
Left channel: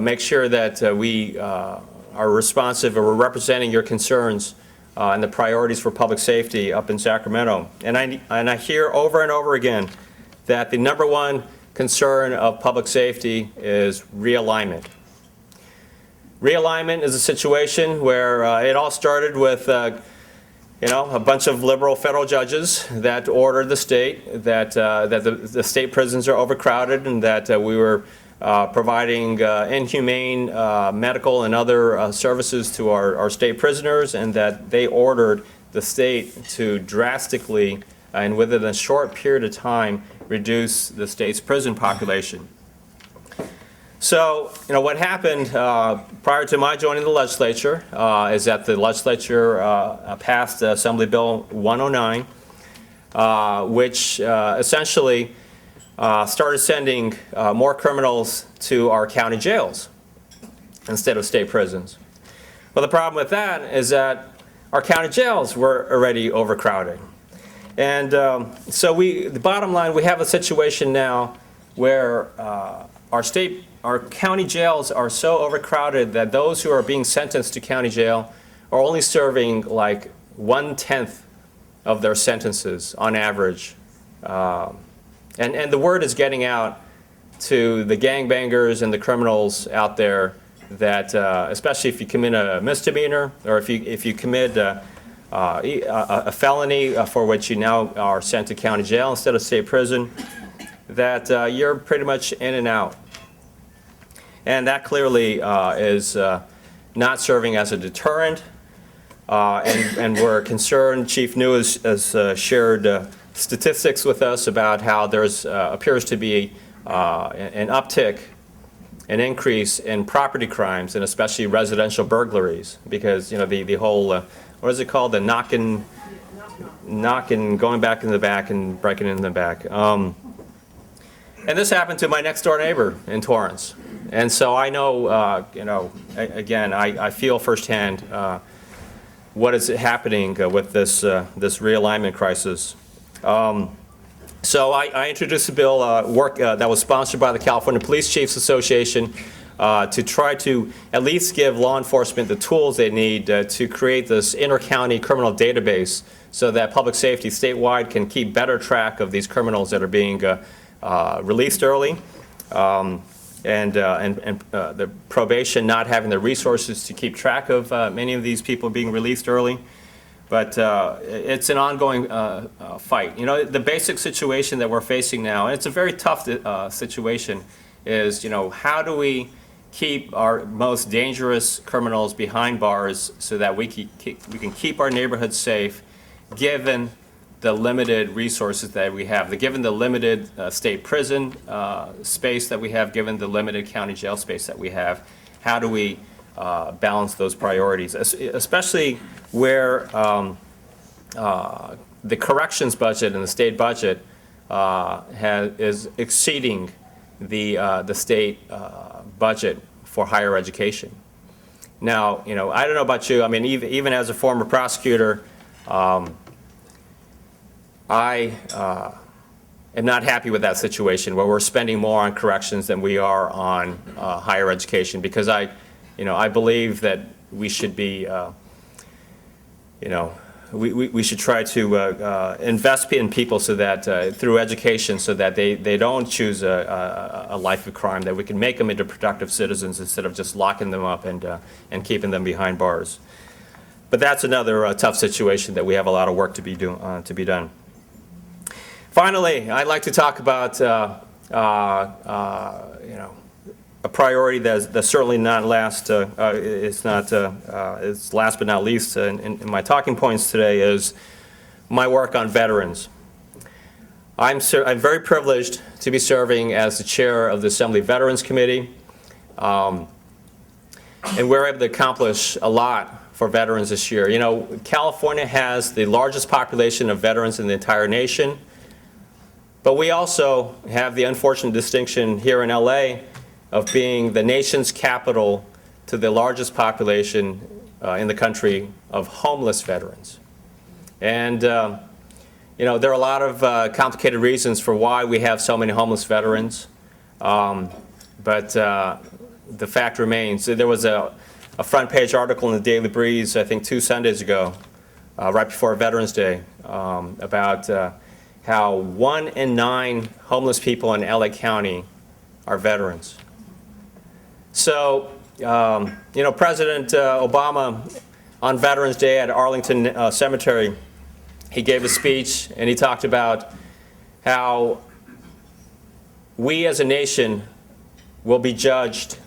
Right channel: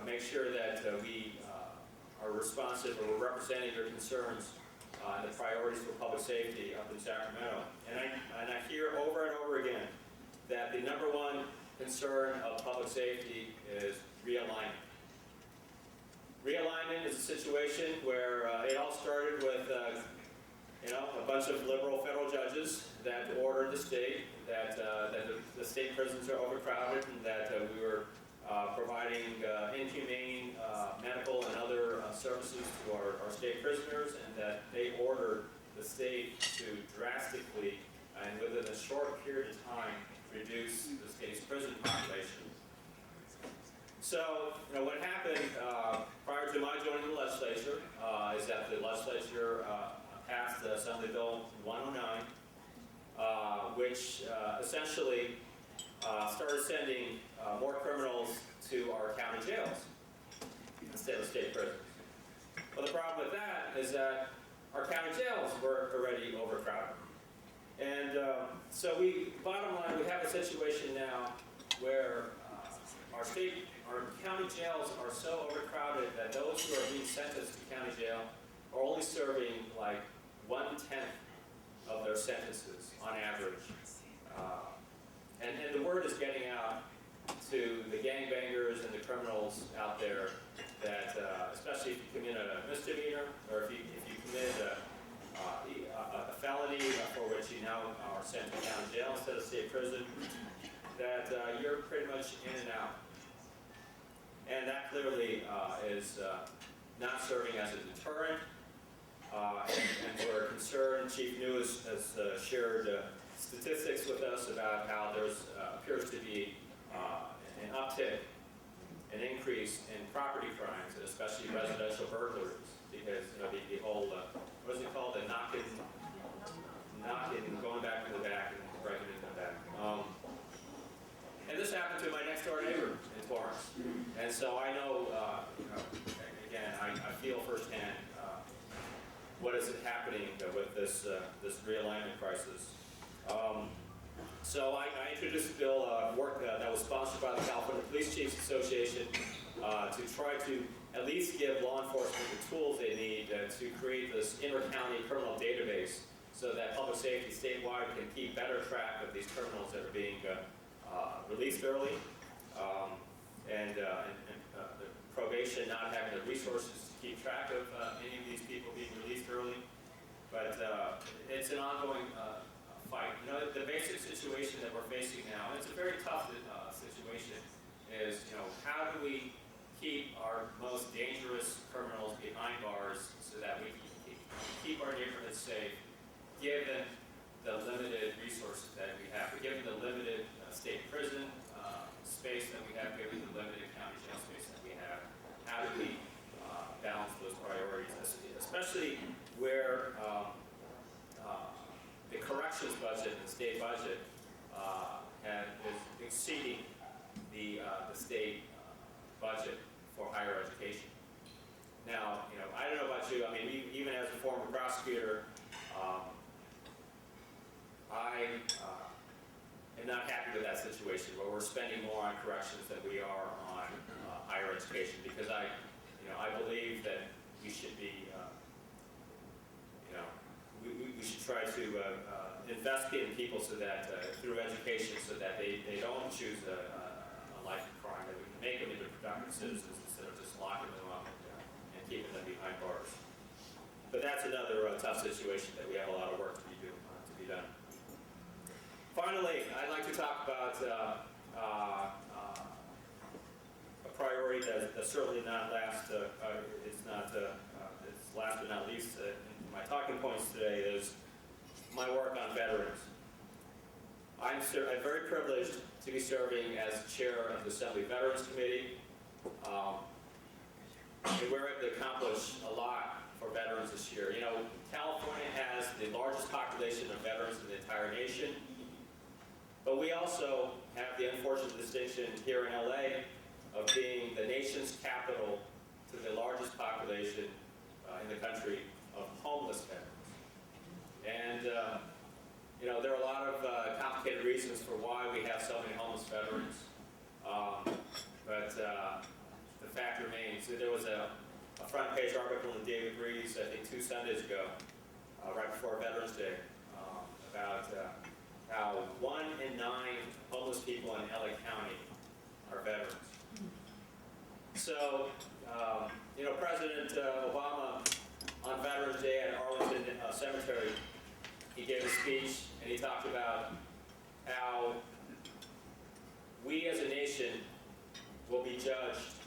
make sure that we are responsive and we're representing your concerns and the priorities for public safety up in Sacramento. And I hear over and over again that the #1 concern of public safety is realignment. Realignment is a situation where it all started with a bunch of liberal federal judges that ordered the state that the state prisons are overcrowded, and that we were providing inhumane medical and other services to our state prisoners, and that they ordered the state to drastically and within a short period of time reduce the state's prison population. So, what happened prior to my joining the legislature is that the legislature passed Assembly Bill 109, which essentially started sending more criminals to our county jails instead of state prisons. Well, the problem with that is that our county jails were already overcrowded. And so the bottom line, we have a situation now where our county jails are so overcrowded that those who are being sentenced to county jail are only serving like 1/10 of their sentences on average. And the word is getting out to the gangbangers and the criminals out there that, especially if you commit a misdemeanor, or if you commit a felony for which you now are sent to county jail instead of state prison, that you're pretty much in and out. And that clearly is not serving as a deterrent, and we're concerned. Chief New has shared statistics with us about how there's appears to be an uptick, an increase in property crimes, and especially residential burglaries, because the whole what is it called, the knocking, going back in the back and breaking in the back. And this happened to my next door neighbor in Torrance. And so I know, again, I feel firsthand what is happening with this realignment crisis. So I introduced a bill that was sponsored by the California Police Chiefs Association to try to at least give law enforcement the tools they need to create this inter-county criminal database, so that public safety statewide can keep better track of these criminals that are being released early. And the probation not having the resources to keep track of many of these people being released early. But it's an ongoing fight. The basic situation that we're facing now, and it's a very tough situation, is how do we keep our most dangerous criminals behind bars so that we can keep our neighborhoods safe, given the limited resources that we have, given the limited state prison space that we have, given the limited county jail space that we have. How do we balance those priorities, especially where the corrections budget and the state budget is exceeding the state budget for higher education. Now, I don't know about you. I mean, even as a former prosecutor, I am not happy with that situation where we're spending more on corrections than we are on higher education, because I believe that we should be, we should try to invest in people so that through education, so that they don't choose a life of crime, that we can make them into productive citizens instead of just locking them up and keeping them behind bars. But that's another tough situation that we have a lot of work to be done. Finally, I'd like to talk about a priority that's certainly not last. It's last but not least. In my talking points today is my work on veterans. I'm very privileged to be serving as the chair of the Assembly Veterans Committee, and we're able to accomplish a lot for veterans this year. You know, California has the largest population of veterans in the entire nation. But we also have the unfortunate distinction here in LA of being the nation's capital to the largest population in the country of homeless veterans. And there are a lot of complicated reasons for why we have so many homeless veterans. But the fact remains, there was a front page article in the Daily Breeze, I think 2 Sundays ago, right before Veterans Day, about how 1 in 9 homeless people in LA County are veterans. So, President Obama on Veterans Day at Arlington Cemetery, he gave a speech and he talked about how we as a nation will be judged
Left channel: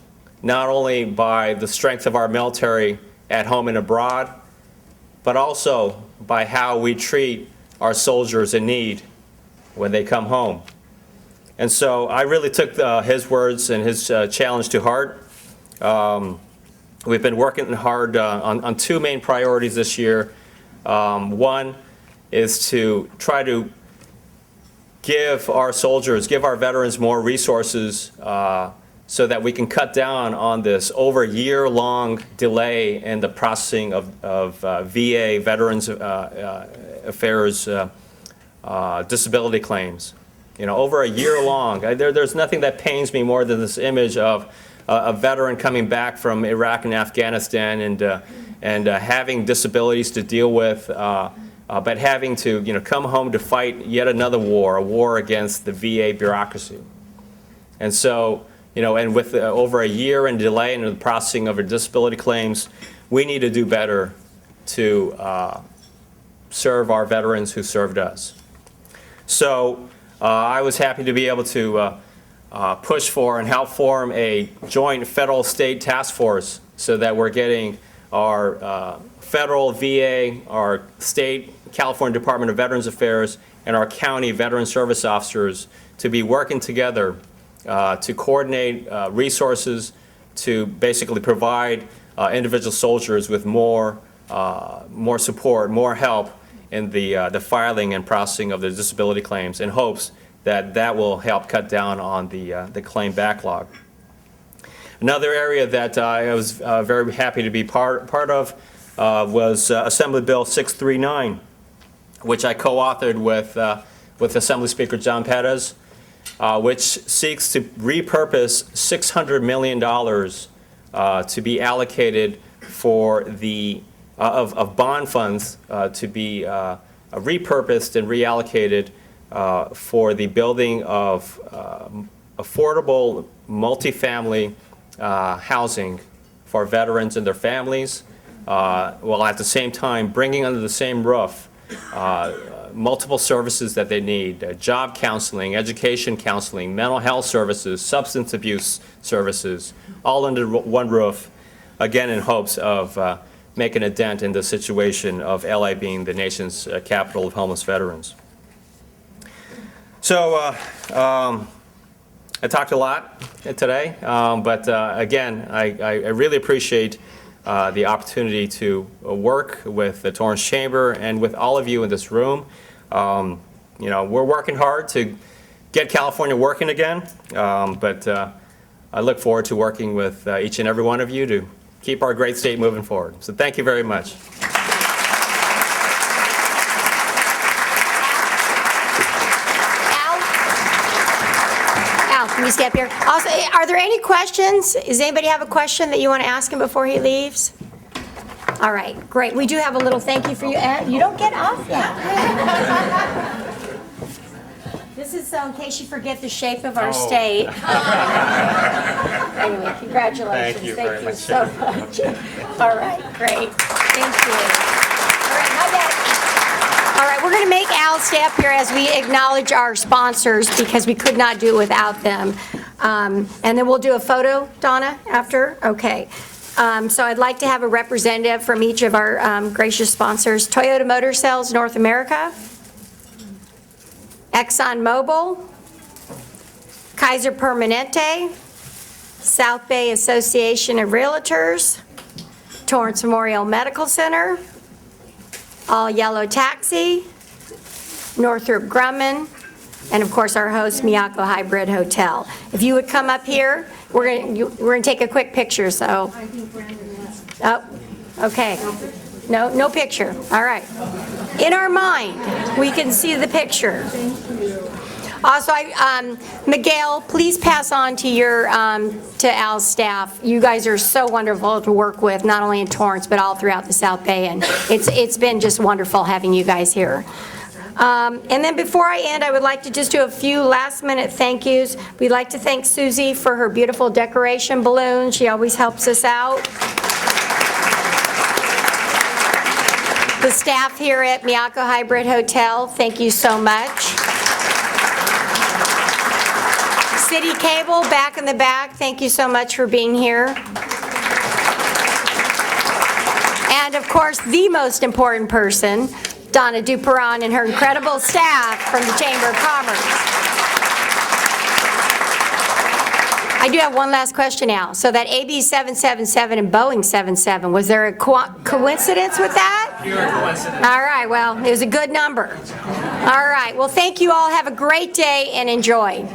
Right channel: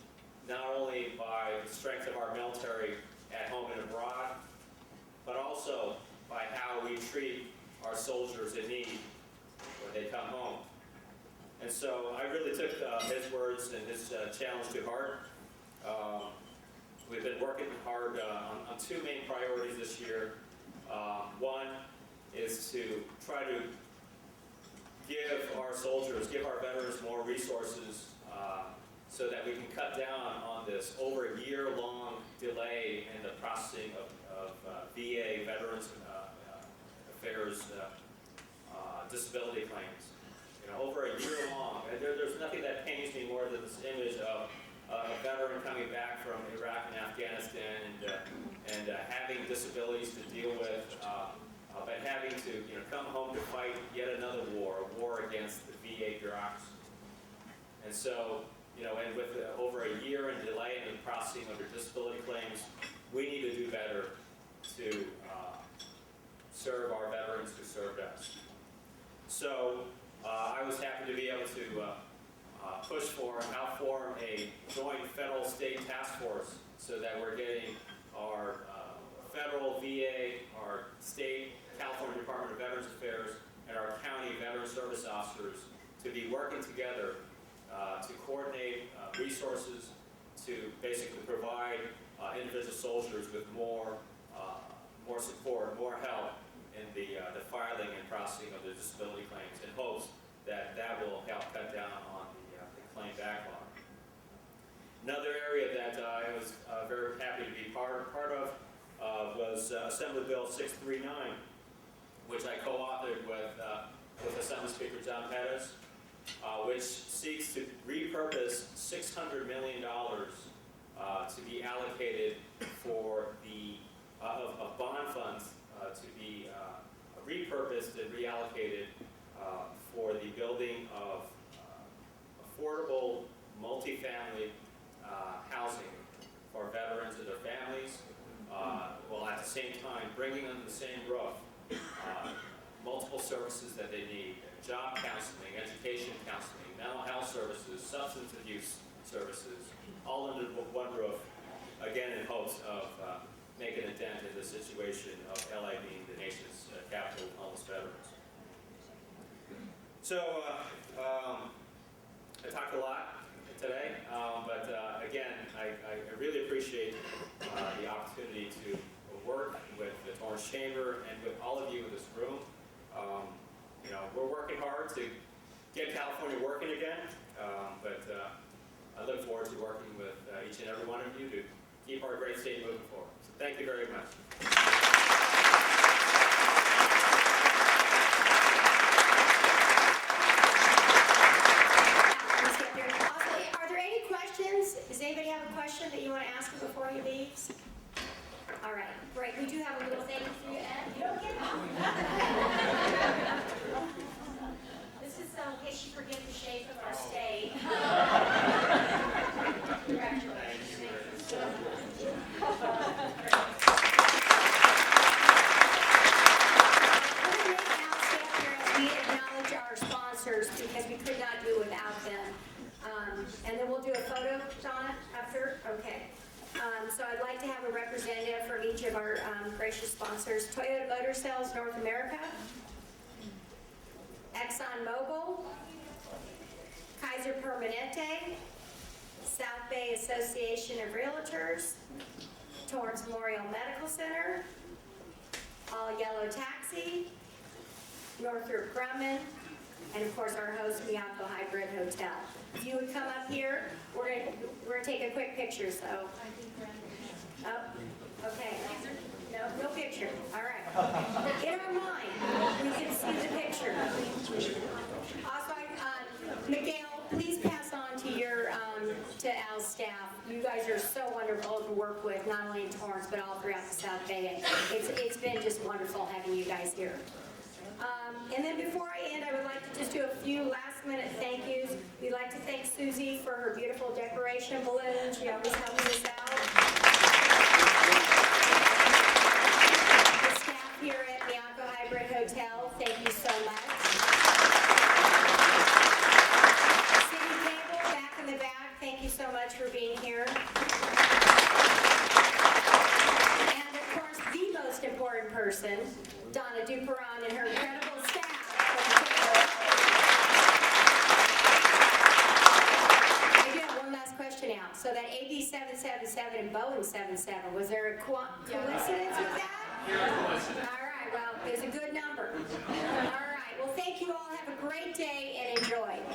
not only by the strength of our military at home and abroad, but also by how we treat our soldiers in need when they come home. And so I really took his words and his challenge to heart. We've been working hard on 2 main priorities this year. One is to try to give our soldiers, give our veterans more resources so that we can cut down on this over year-long delay in the processing of VA, Veterans Affairs disability claims. Over a year long. There's nothing that pains me more than this image of a veteran coming back from Iraq and Afghanistan and having disabilities to deal with, but having to come home to fight yet another war, a war against the VA bureaucracy. And so, and with over a year in delay in the processing of our disability claims, we need to do better to serve our veterans who served us. So I was happy to be able to push for and help form a joint federal-state task force so that we're getting our federal VA, our state California Department of Veterans Affairs, and our county veteran service officers to be working together to coordinate resources to basically provide individual soldiers with more support, more help in the filing and processing of the disability claims, in hopes that will help cut down on the claim backlog. Another area that I was very happy to be part of was Assembly Bill 639, which I co-authored with Assembly Speaker John Perez, which seeks to repurpose $600 million to be allocated for of bond funds to be repurposed and reallocated for the building of affordable multifamily housing for veterans and their families, while at the same time bringing under the same roof multiple services that they need: job counseling, education counseling, mental health services, substance abuse services, all under one roof, again in hopes of making a dent in the situation of LA being the nation's capital of homeless veterans. So I talked a lot today, but again, I really appreciate the opportunity to work with the Torrance Chamber and with all of you in this room. We're working hard to get California working again, but I look forward to working with each and every one of you to keep our great state moving forward. So thank you very much. Can you stay up here? Also, are there any questions? Does anybody have a question that you want to ask him before he leaves? All right, great. We do have a little thank you for you. You don't get off yet. This is so in case you forget the shape of our state. Anyway, congratulations. Thank you very much. so much. All right, great. Thank you. All right, we're going to make Al stay up here as we acknowledge our sponsors because we could not do it without them. And then we'll do a photo, Donna, after? Okay. So I'd like to have a representative from each of our gracious sponsors. Toyota Motor Sales North America, ExxonMobil, Kaiser Permanente, South Bay Association of Realtors, Torrance Memorial Medical Center, All Yellow Taxi, Northrop Grumman, and of course our host, Miyako Hybrid Hotel. If you would come up here, we're going to take a quick picture, so. Oh, okay. No picture. All right. In our mind, we can see the picture. Also, Miguel, please pass on to your to Al's staff. You guys are so wonderful to work with, not only in Torrance but all throughout the South Bay, and it's been just wonderful having you guys here. And then before I end, I would like to just do a few last-minute thank yous. We'd like to thank Susie for her beautiful decoration balloon. She always helps us out. The staff here at Miyako Hybrid Hotel, thank you so much. CitiCABLE, back in the back, thank you so much for being here. And of course, the most important person, Donna Duperon and her incredible staff from the Chamber of Commerce. I do have one last question, Al. So that AB 777 and Boeing 77, was there a coincidence with that? Pure coincidence. All right, well, it was a good number. All right, well, thank you all. Have a great day and enjoy.